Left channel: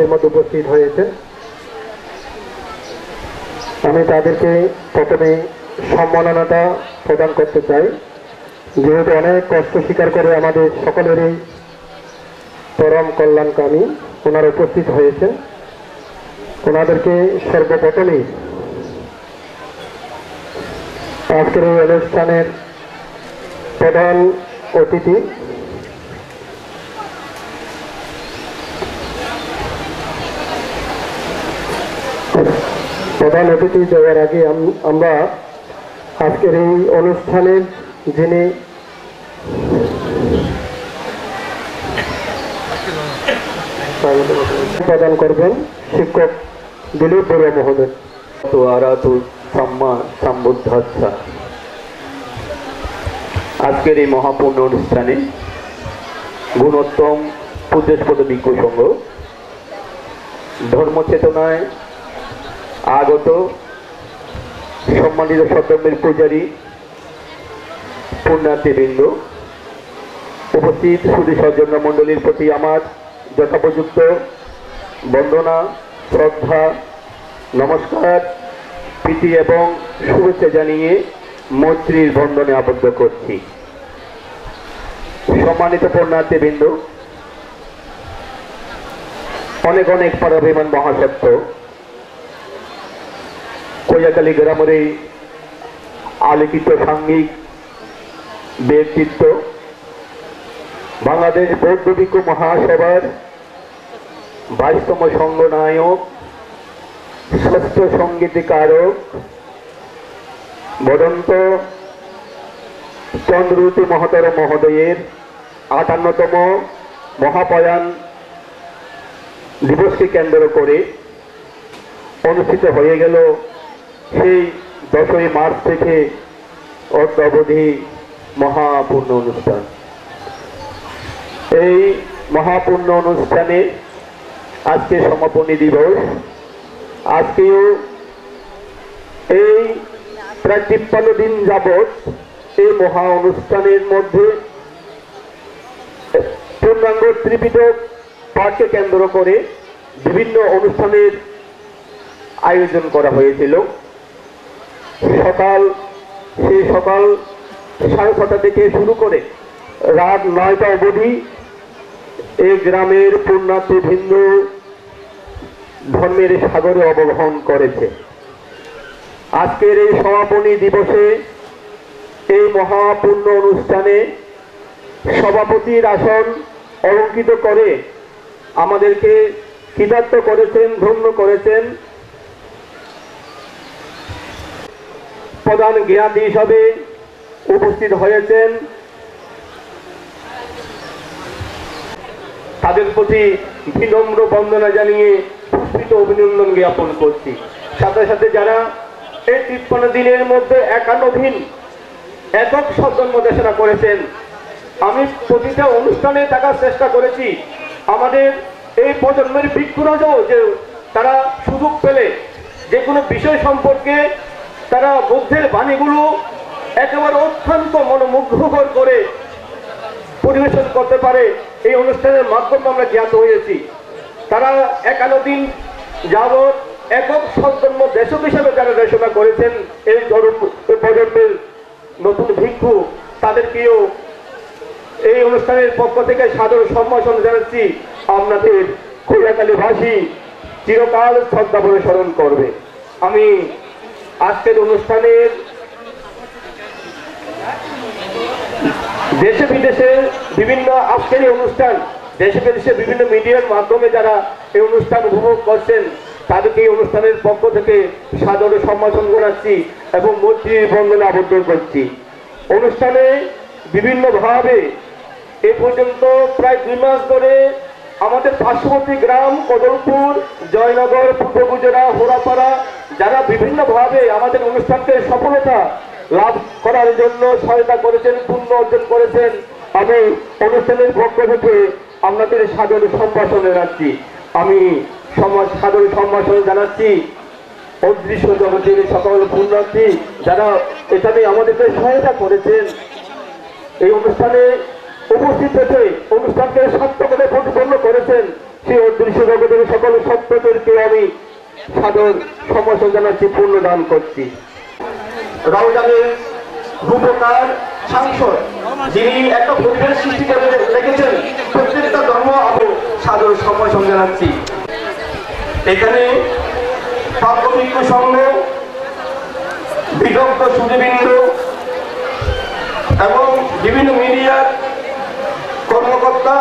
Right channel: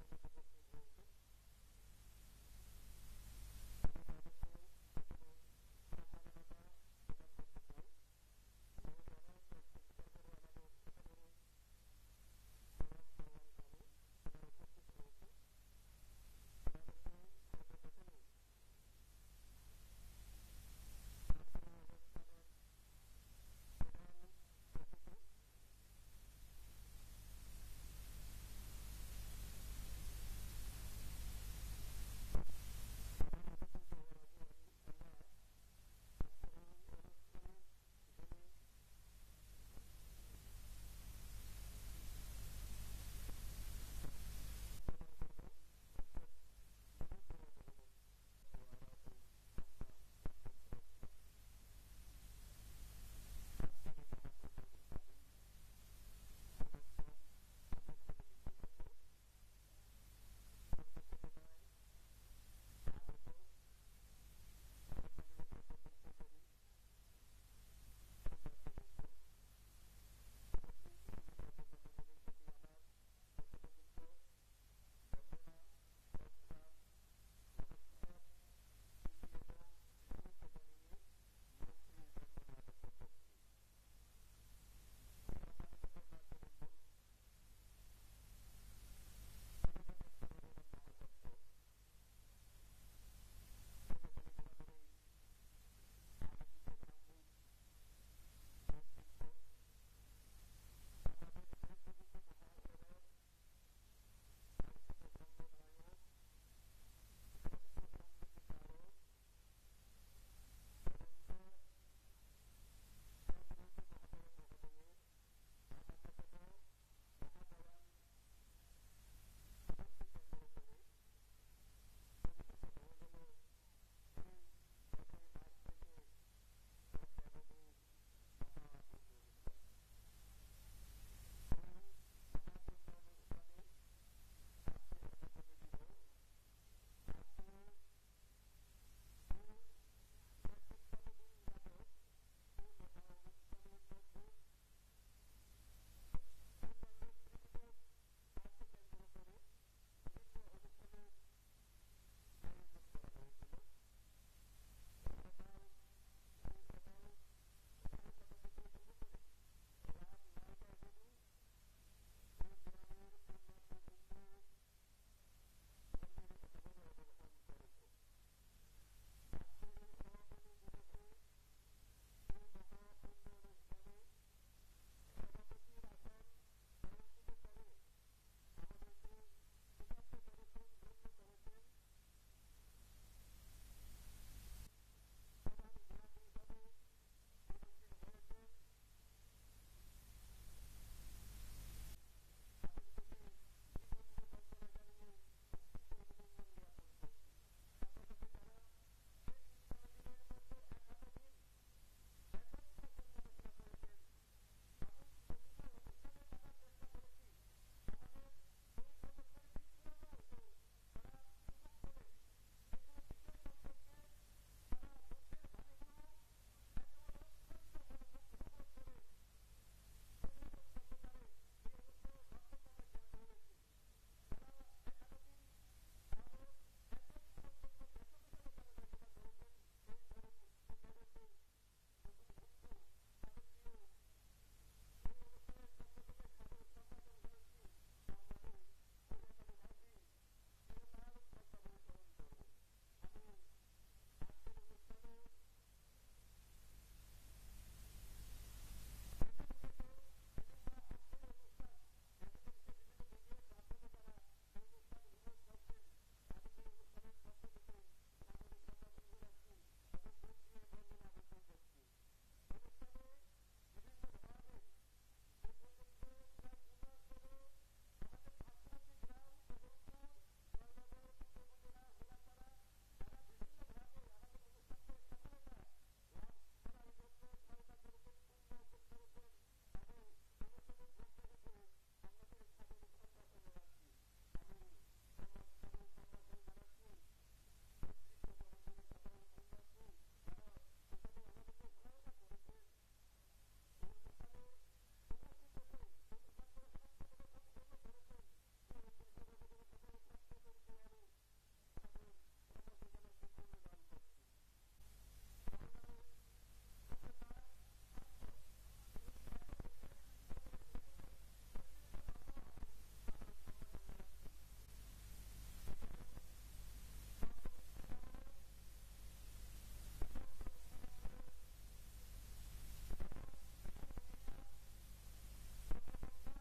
আমাদের মধ্যে উপস্থিত হয়েছে। আমি তাদেরকে প্রথমে সম্মাননাটা প্রদান করতে চাই, যেহেতু অনেক কষ্ট স্বীকার করে আমাদের সকলেরই পরম কল্যাণকামী ওনারা উপস্থিত হয়েছেন। ওনাদেরকে সর্বপ্রথমেই আজকের এই অনুষ্ঠানের প্রধান অতিথি দেওয়ার আগে আমরা আজকের এই অনুষ্ঠানের যিনি প্রদান করবেন শিক্ষক দিলীপ বড়ুয়া মহোদয়। আজকের এই মহাপূর্ণ অনুষ্ঠানে গুণোত্তম পূজ্যপদ ভিক্ষু সংঘ ধর্মচেতনায় আগত সম্মানিত সদ্যমের পূজারী পুণ্যার্থীবৃন্দ, উপস্থিত সুধী সজ্জন মণ্ডলীর প্রতি আমার যথোপযুক্ত বন্দনা, শ্রদ্ধা, নমস্কার, প্রীতি এবং শুভেচ্ছা জানিয়ে মৈত্রীর বন্ধনে আবদ্ধ করছি। সম্মানিত পুণ্যার্থীবৃন্দ, অনেক অনেক পরাভিমান মহাসত্য কৈয়াকালী গ্রামের এই আলোকিত সাঙ্গিক ব্যক্তিত্ব, বাংলাদেশ বৌদ্ধ ভিক্ষু মহাসভার 22তম সংঘনায়ক, শ্রেষ্ঠ সঙ্গীতকারক, বদন্ত চন্দ্রজ্যোতি মহোদয় মহোদয়ের 58তম মহাপয়ান দিবসকে কেন্দ্র করে অনুষ্ঠিত হয়ে গেল সেই 10ই মার্চ থেকে অদ্যাবধি মহাপূর্ণ অনুষ্ঠান। এই মহাপূর্ণ অনুষ্ঠানে আজকে সমাপনী দিবস। আজকেও এই প্রায় 53 দিন যাবৎ এই মহা অনুষ্ঠানের মধ্যে পূর্ণাঙ্গ ত্রিপিটক পাঠকে কেন্দ্র করে বিভিন্ন অনুষ্ঠানের আয়োজন করা হয়েছিল। সকাল 6:30 থেকে শুরু করে রাত 9টা অবধি এই গ্রামের পুণ্যার্থীবৃন্দ ধর্মের সাগরে অবগাহন করেছে। আজকের এই সমাপনী দিবসে এই মহাপূর্ণ অনুষ্ঠানে সভাপতির আসন অলঙ্কৃত করে আমাদেরকে কৃতার্থ করেছেন, ধন্য করেছেন। প্রধান জ্ঞাতি হিসাবে উপস্থিত হয়েছেন। তাদের প্রতি বিনম্র বন্দনা জানিয়ে পুষ্পিত অভিনন্দন জ্ঞাপন করছি। সাথে সাথে যারা এই 53 দিনের মধ্যে 51 দিন একক সজ্জন্ম দেশনা করেছেন, আমি প্রতিটা অনুষ্ঠানে থাকার চেষ্টা করেছি। আমাদের এই প্রজন্মের ভিক্ষুরাজও যে তারা সুযোগ পেলে যে কোনো বিষয় সম্পর্কে তারা বুদ্ধের বাণীগুলো একেবারে অত্যন্ত মনোমুগ্ধকর করে পরিবেশন করতে পারে, এই অনুষ্ঠানের মাধ্যমে আমরা জ্ঞাত হয়েছি। তারা 51 দিন যাবৎ একক সজ্জন্ম দেশক হিসাবে যারা দেশনা করেছেন, এই প্রজন্মের নতুন ভিক্ষু, তাদেরকেও এই অনুষ্ঠানের পক্ষ থেকে সাদর সম্ভাষণ জানাচ্ছি। আপনাদের কৈয়াকালীবাসী চিরকাল শ্রদ্ধা ভরে স্মরণ করবে। আমি আজকের অনুষ্ঠানের দেশে বিদেশে বিভিন্ন আজকের অনুষ্ঠান দেশে বিদেশে বিভিন্ন মিডিয়ার মাধ্যমে যারা এই অনুষ্ঠান উপভোগ করছেন, তাদেরকে এই অনুষ্ঠানের পক্ষ থেকে সাদরে সম্ভাষণ জানাচ্ছি এবং মৈত্রীর বন্ধনে আবদ্ধ করছি। অনুষ্ঠানে বিভিন্নভাবে এ পর্যন্ত প্রায় 2 মাস ধরে আমাদের পার্শ্ববর্তী গ্রাম কদলপুর, জয়নগর, পূর্ব গুজরা, হোরাপাড়া যারা বিভিন্নভাবে আমাদের অনুষ্ঠানকে সফলতা লাভ করার জন্য সহায়তা করেছেন, পুণ্য অর্জন করেছেন, আমি অনুষ্ঠানের পক্ষ থেকে আপনাদের সাদর সম্ভাষণ জানাচ্ছি। আমি সাদর সম্ভাষণ জানাচ্ছি অদৃশ্য জগতের সকল পুণ্যার্থী যারা এখানে আমাদেরকে সহায়তা করেছেন, এই অনুষ্ঠানে উপস্থিত হতে অনুষ্ঠানকে সার্থকভাবে প্রতিপন্ন করেছেন, সেই অদৃশ্য জগতের সকল সত্যদেরকে আমি সাদর সম্ভাষণ জানাচ্ছি, পূর্ণ দান করছি। রমজানের রূপকার সাংসদ, যিনি একটা পরিবেশ সৃষ্টি করে রেখেছেন, প্রত্যেকটা ধর্ম আমি সাদর সম্ভাষণ জানাচ্ছি। এখানে প্রাথমিক সংঘ, বিদগ্ধ সুদীবৃন্দ এবং বিভিন্ন মিডিয়ার কর্মকর্তা,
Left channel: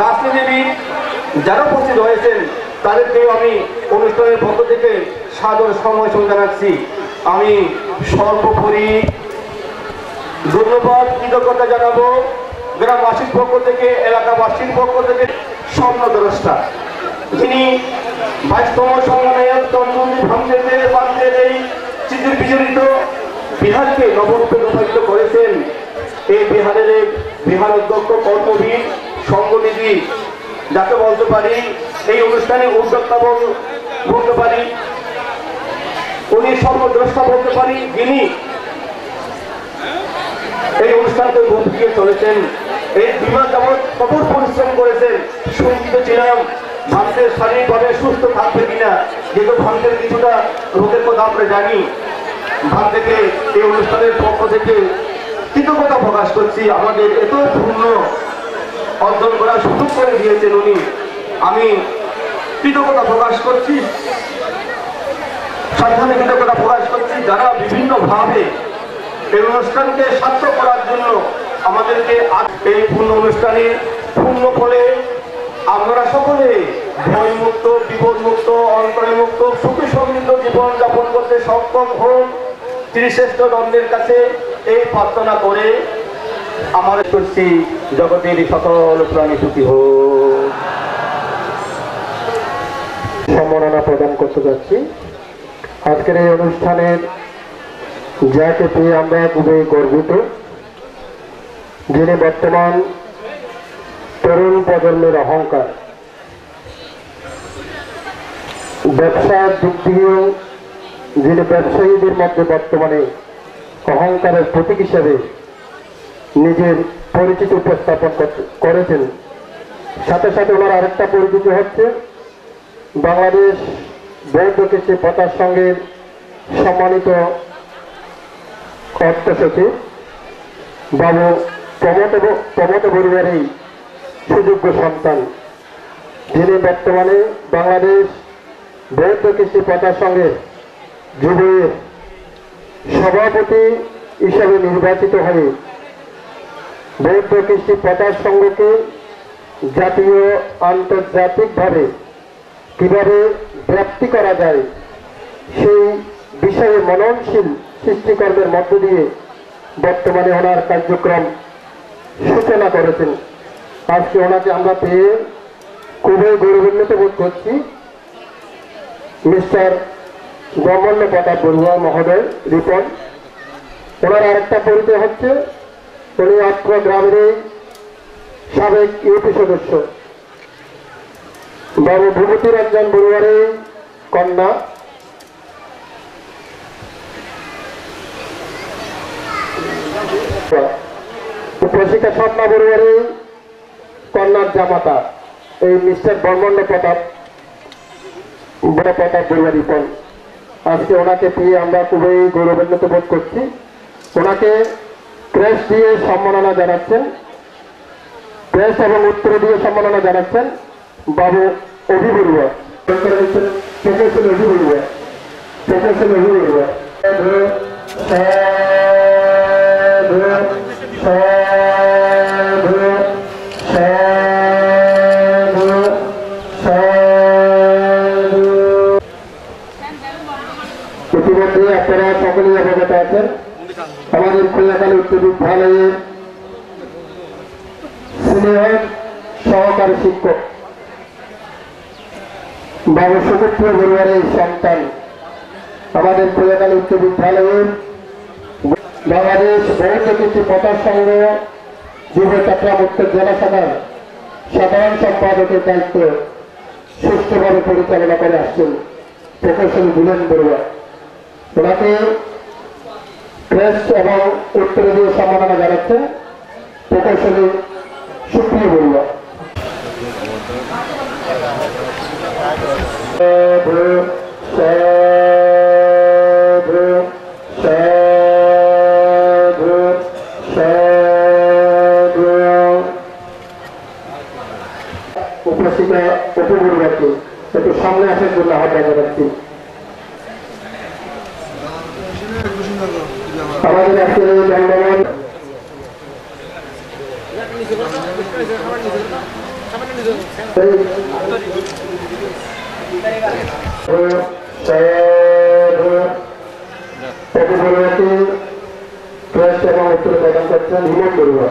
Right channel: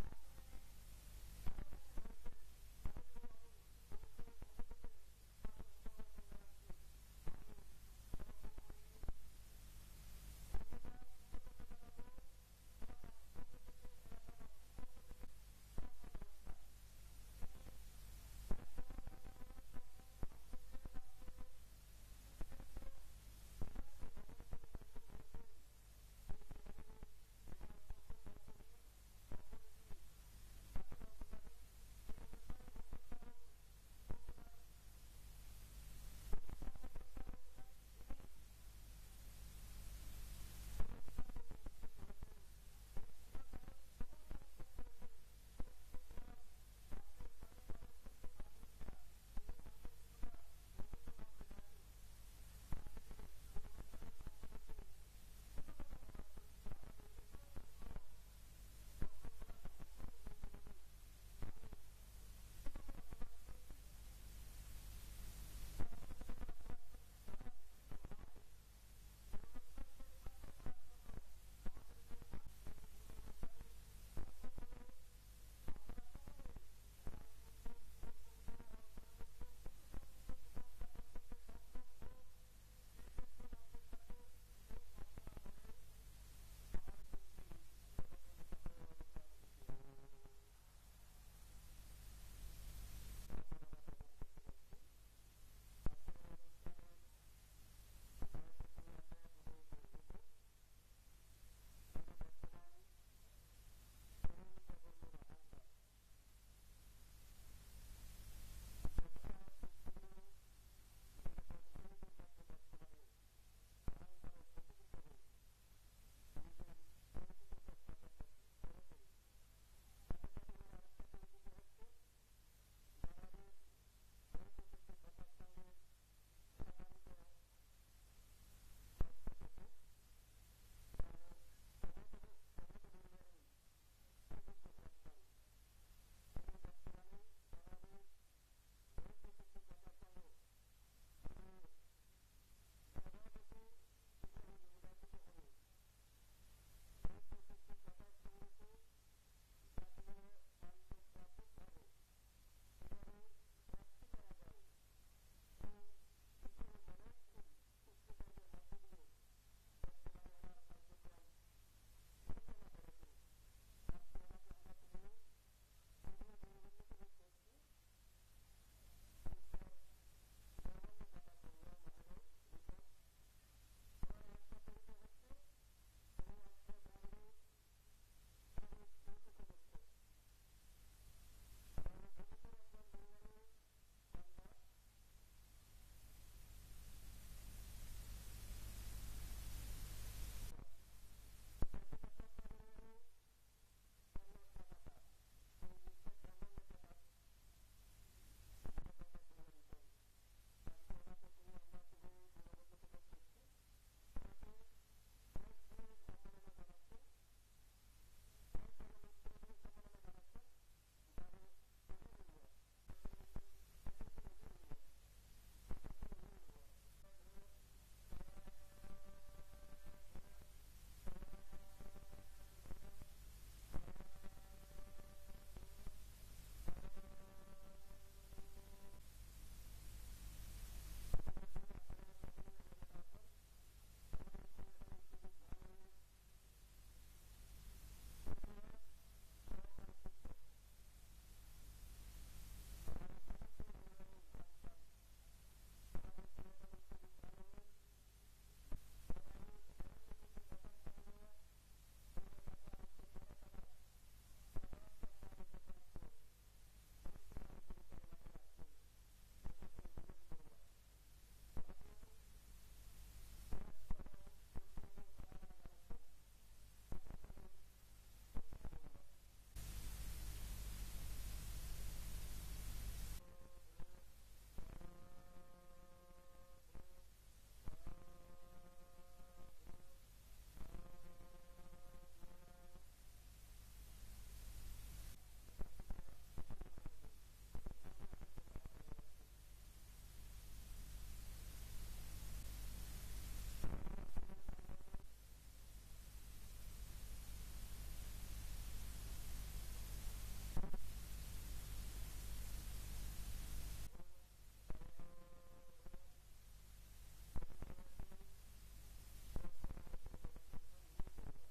রাজনীতিবিদ যারা উপস্থিত হয়েছেন, তাদেরকেও আমি অনুষ্ঠানের পক্ষ থেকে সাদর সম্ভাষণ জানাচ্ছি। আমি সর্বোপরি ধন্যবাদ, কৃতজ্ঞতা জানাবো গ্রামবাসীর পক্ষ থেকে, এলাকাবাসীর পক্ষ থেকে স্বপ্নদ্রষ্টা, যিনি 22তম সংগ্রামের তন্ত্রী ভাঙতে এই চিত্র বিজড়িত বিহারকে নবরূপে রূপায়িত করেছেন। এই বিহারের বিহার অধ্যক্ষ, কর্মবীর, সংগঠনী যাকে বলতে পারি, এই অনুষ্ঠানে উদ্যোক্তা বলতে পারি, উনি স্বপ্নদ্রষ্টা বলতে পারি, যিনি এই অনুষ্ঠানকে গতিয়ে চলেছেন। এই বিভাগ যেমন কঠোর পরিশ্রম করেছেন, শঙ্কিত ছিলাম ভারতের শারীরিকভাবে সুস্থ থাকবে কিনা, যেহেতু ভারতের কিছুটা রোগের কথা আমরা জানি। ভারত থেকে এই অনুষ্ঠানের পক্ষ থেকে কৃতজ্ঞতা প্রকাশ করছি, আমাদের এত পূর্ণ অর্জন করার সুযোগ করে দিয়েছেন উনি। আমি কৃতজ্ঞতা প্রকাশ করছি, সাধারণ কৃতজ্ঞতা প্রকাশ করছি যারা বিভিন্নভাবে এই অনুষ্ঠানকে সার্থক করার জন্য আমাদেরকে এই পূর্ণ অনুষ্ঠানে পূর্ণ ফলে আপনারা সকলে ভয়মুক্ত, বিপদমুক্ত, অন্তর্মুক্ত, সুখী সমৃদ্ধ জীবন যাপন করতে সক্ষম হন, ত্রিশ্রেষ্ঠ দ্বন্দ্বের কাছে এই প্রার্থনা করে আমার করছি, জগতের সকল প্রাণী সুখী হোক। সম্মাননা প্রদান করতে যাচ্ছি। আজকের এই অনুষ্ঠানের যাকে পেয়ে আমরা খুবই গর্বিত, যিনি বর্তমান তরুণ প্রজন্মের অহংকার, ব্যবসার দিক দিয়েও যিনি ব্যবসায়ীদের মধ্যে বর্তমানে অহংকারের প্রতীক হিসেবে নিজের পরিচিতি উপস্থাপন করেছেন। সাথে সাথে ওনার আরেকটা পরিচিতি হচ্ছে বাংলাদেশ বৌদ্ধ কৃষি প্রচার সংঘের সম্মানিত অর্থ সচিব বাবু প্রমোদ বড়ুয়ারই সুযোগ্য সন্তান, যিনি বর্তমানে বাংলাদেশ বৌদ্ধ কৃষি প্রচার সংঘের যুবের সভাপতি হিসাবে নির্বাচিত হয়ে বৌদ্ধ কৃষি প্রচার সংঘকে জাতীয় আন্তর্জাতিকভাবে কিভাবে ব্যাপ্তি করা যায় সেই বিষয়ে মননশীল সৃষ্টিকর্মের মধ্য দিয়ে বর্তমানে ওনার কার্যক্রম সূচনা করেছেন। আজকে ওনাকে আমরা পেয়ে খুবই গৌরবান্বিত বোধ করছি। মিস্টার ব্রহ্মণ্য প্রতাপ বড়ুয়া মহোদয় রিপন, ওনার আরেকটা পরিচয় হচ্ছে উনি অত্র গ্রামের সাবেক ইউপি সদস্য বাবু ভূপতি রঞ্জন বড়ুয়ারের কন্যা, প্রশিকা স্বপ্না বড়ুয়ারের কন্যার জামাতা এই মিস্টার ব্রহ্মণ্য প্রতাপ বড়ুয়া রিপন। আজকে ওনাকে পেয়ে আমরা খুবই গৌরবান্বিত বোধ করছি। ওনাকে প্রেস দিয়ে সম্মাননা জানাচ্ছেন, প্রেস এবং উত্তর দিয়ে সম্মাননা জানাচ্ছেন বাবু অভি বড়ুয়া, প্রফেসর অভি বড়ুয়া, প্রফেসর অভি বড়ুয়া। ইতিমধ্যে আপনারা সকলেই অবগত আছেন, আমাদের খুলনাকালী উচ্চ বিদ্যালয়ের সিনিয়র সহকারী শিক্ষক বাবু সুপুত্র বড়ুয়ারের সন্তান, আমাদের খুলনাকালী উচ্চ বিদ্যালয়ের বাংলাদেশ বৌদ্ধ কৃষি প্রচার সংঘ যুব চট্টগ্রাম উত্তর জেলা শাখার সাধারণ সম্পাদকের দায়িত্ব সুষ্ঠুভাবে পরিচালনা করে আসছেন প্রফেসর বুলেন বড়ুয়া। ওনাকে প্রেস এবং উত্তর দিয়ে সম্মাননা জানাচ্ছেন প্রকৌশলী সুপ্রিয় বড়ুয়া। উপস্থিত উপগুরুবাকে একটু সামনে আসার জন্য আহ্বান জানাচ্ছি। আমাদের আজকের এই দণ্ডমান এবং উত্তরে প্রদান করছেন হিমন বড়ুয়া,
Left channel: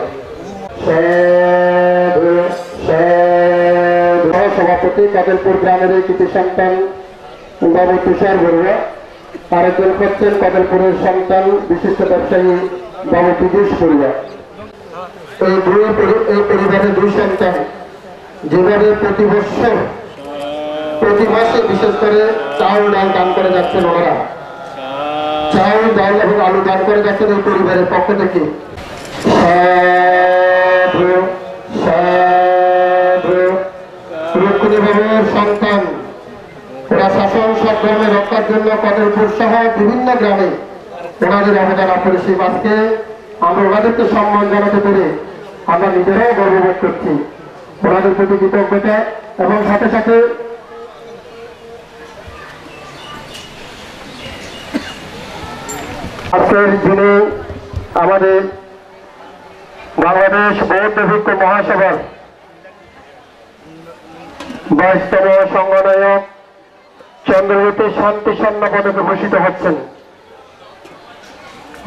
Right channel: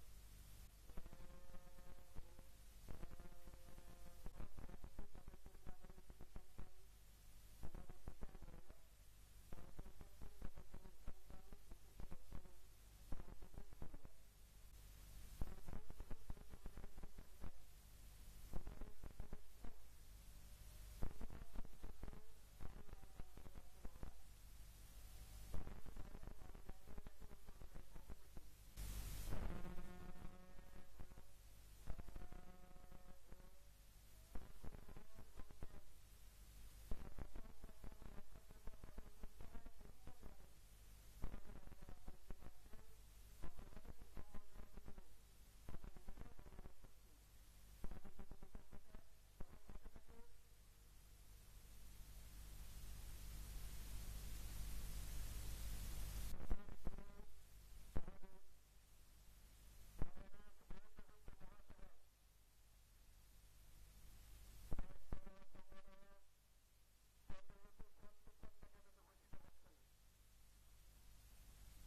সভাপতি কদলপুর গ্রামের এই কৃতি সন্তান বাবু তুষার বড়ুয়া, আরেকজন হচ্ছেন কদলপুরের সন্তান বিশিষ্ট ব্যবসায়ী বাবু বিদেশ বড়ুয়া। এই পরিবারের দুই সন্তান যেভাবে প্রতি বৎসর প্রতি মাসে বিশেষ করে চাউল ডাল দান করে যাচ্ছেন, ওনারা চাউল ডাল এবং আলু দান করে যাচ্ছেন এই পরিবারের পক্ষ থেকে। রুক্মিণীবাবুর সন্তান, ওরা শাসন সদ্ধর্মে রক্ষার জন্য কদলপুর সহ বিভিন্ন গ্রামে ওনাদের অবদান অপরিসীম। আজকে আমরা ওনাদেরকে সম্মান জানাতে পেরে আমরা নিজেরাও গর্ববোধ করছি, ওনাদের প্রতি কৃতজ্ঞতা। এবং সাথে সাথে আজকের দিনে আমাদের বাংলাদেশ বৌদ্ধ ভিক্ষু মহাসভার 22তম সংগনায়ক চন্দ্রজ্যোতি শান্তি স্বর্ণ পদকে ভূষিত হচ্ছেন।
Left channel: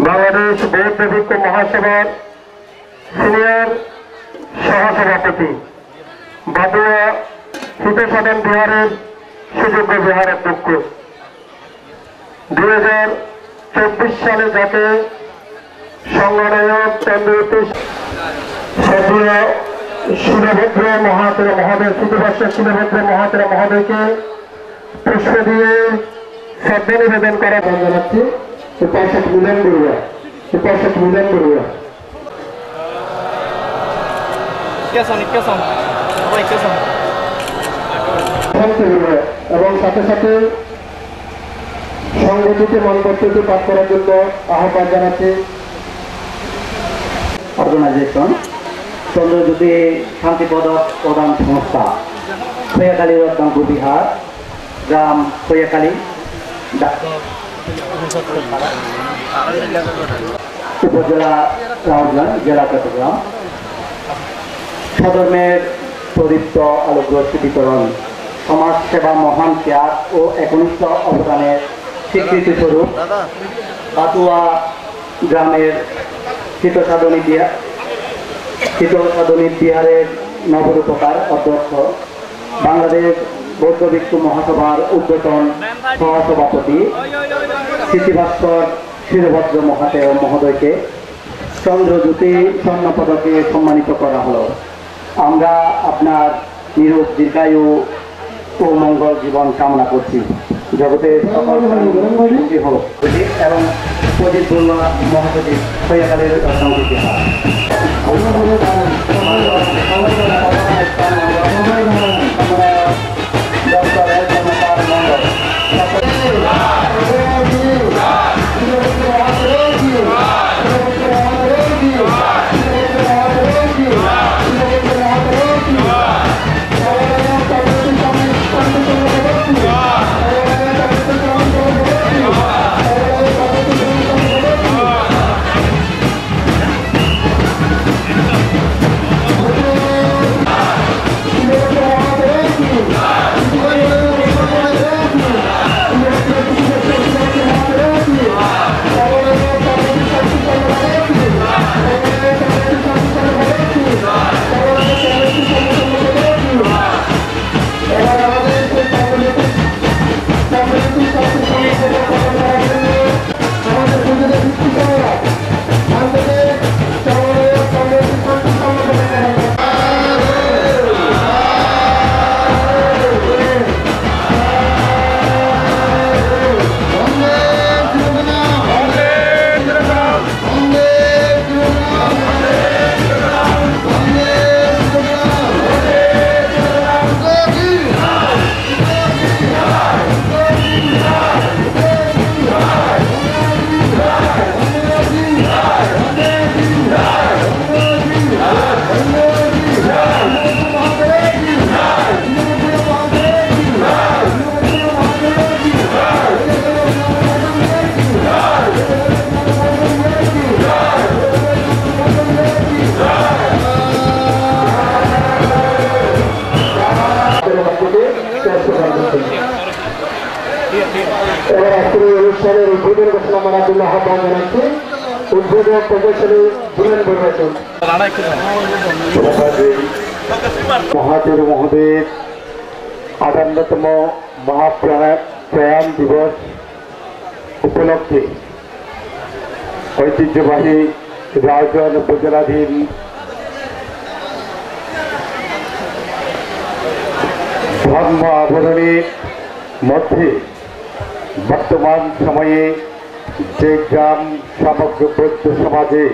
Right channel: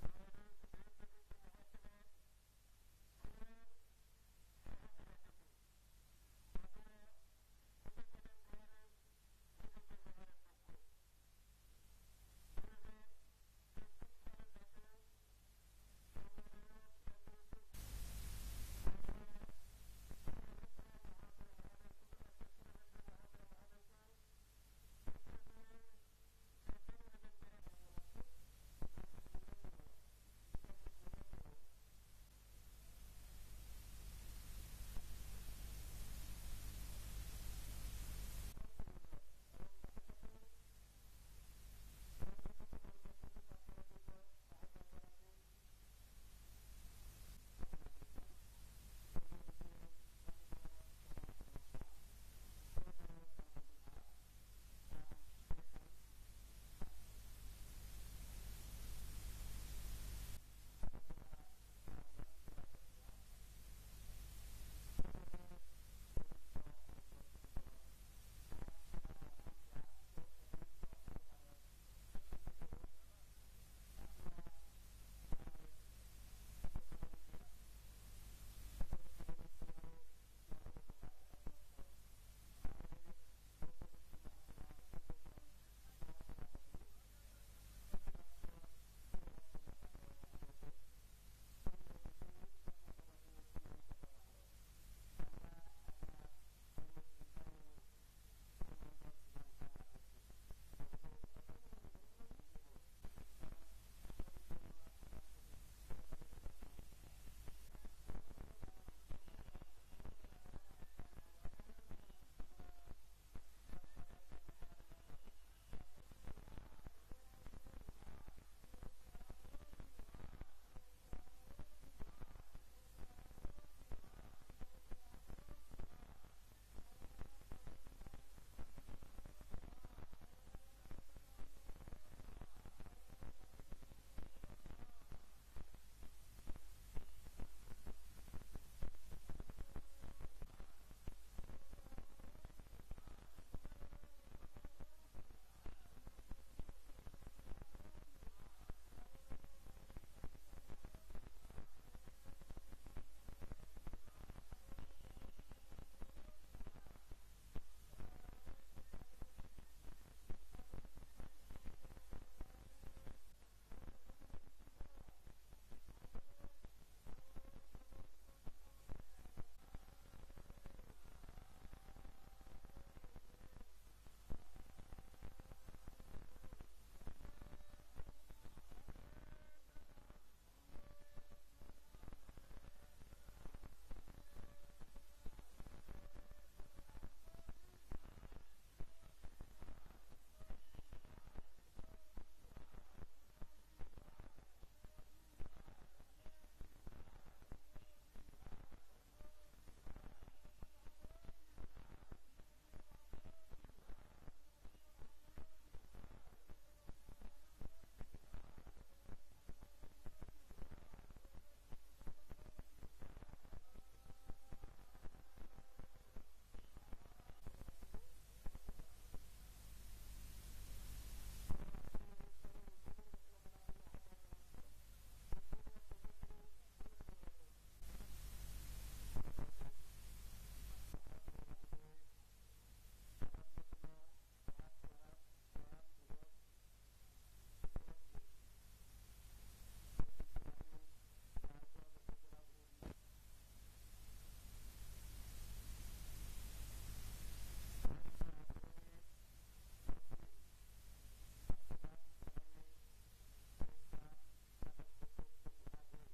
বাংলাদেশ বৌদ্ধ ভিক্ষু মহাসভার সিনিয়র সহসভাপতি, বাদুয়া হিতসাধন বিহারের সুযোগ্য বিহার অধ্যক্ষ, 2024 সালে যাকে সংগনায়ক চন্দ্রজ্যোতি সদীয় শিলভদ্র মহাতেরা মহোদয়, সুদীবর্ষ শিলভদ্র মহাতেরা মহোদয়কে পুষ্প দিয়ে শ্রদ্ধা নিবেদন করা জানাচ্ছি। উপাসক মিলন বড়ুয়া, উপাসক মিলন বড়ুয়া এবং সাথে সাথে সংগঠিত মনপত্রটি পাঠ করার জন্য আহ্বান জানাচ্ছি। অর্গানাইজেশন চন্দ্রজ্যোতি শান্তি পদক প্রদান সংস্থা, খৈয়াখালী রত্নাঙ্কুর বিহার, গ্রাম খৈয়াখালী, উপজেলা রাউজান, জেলা চট্টগ্রাম। সধর্মের প্রদীপ্ত আলোকরশ্মি বিতরণ, সমাজ সেবা মহান ত্যাগ ও একনিষ্ঠ অবদানের স্বীকৃতি স্বরূপ পাতুয়া গ্রামের হিতসাধনী বিহারের নবরূপকার অধ্যক্ষ, বাংলাদেশ বৌদ্ধ ভিক্ষু মহাসভার উদ্বোধন সহসভাপতি স্মৃতিভাস্কর শিলভদ্র মহাতেয় মহোদয়কে চন্দ্রজ্যোতি স্বর্ণ পদকে সম্মানিত করা হলো। আমরা আপনার নিরোগ দীর্ঘায়ু ও মঙ্গল জীবন কামনা করছি। জগতের সকল হোক এবং প্রদীপ বর্মা মহাসচিব খৈয়াখালীর রত্নাঙ্কুর বিহার। আহ্বান জানাচ্ছি উদ্বোধক প্রকৌশলী বুলেন বর্মাচন। মহাবীর মহোদয়ের 58তম মহাপ্রয়াণ দিবস উপলক্ষে ঐতিহ্যবাহী রাউজান উপজেলাধীন ধর্ম আবরণের মধ্যে বর্তমান সময়ে যে গ্রাম সমগ্র বৌদ্ধ সমাজে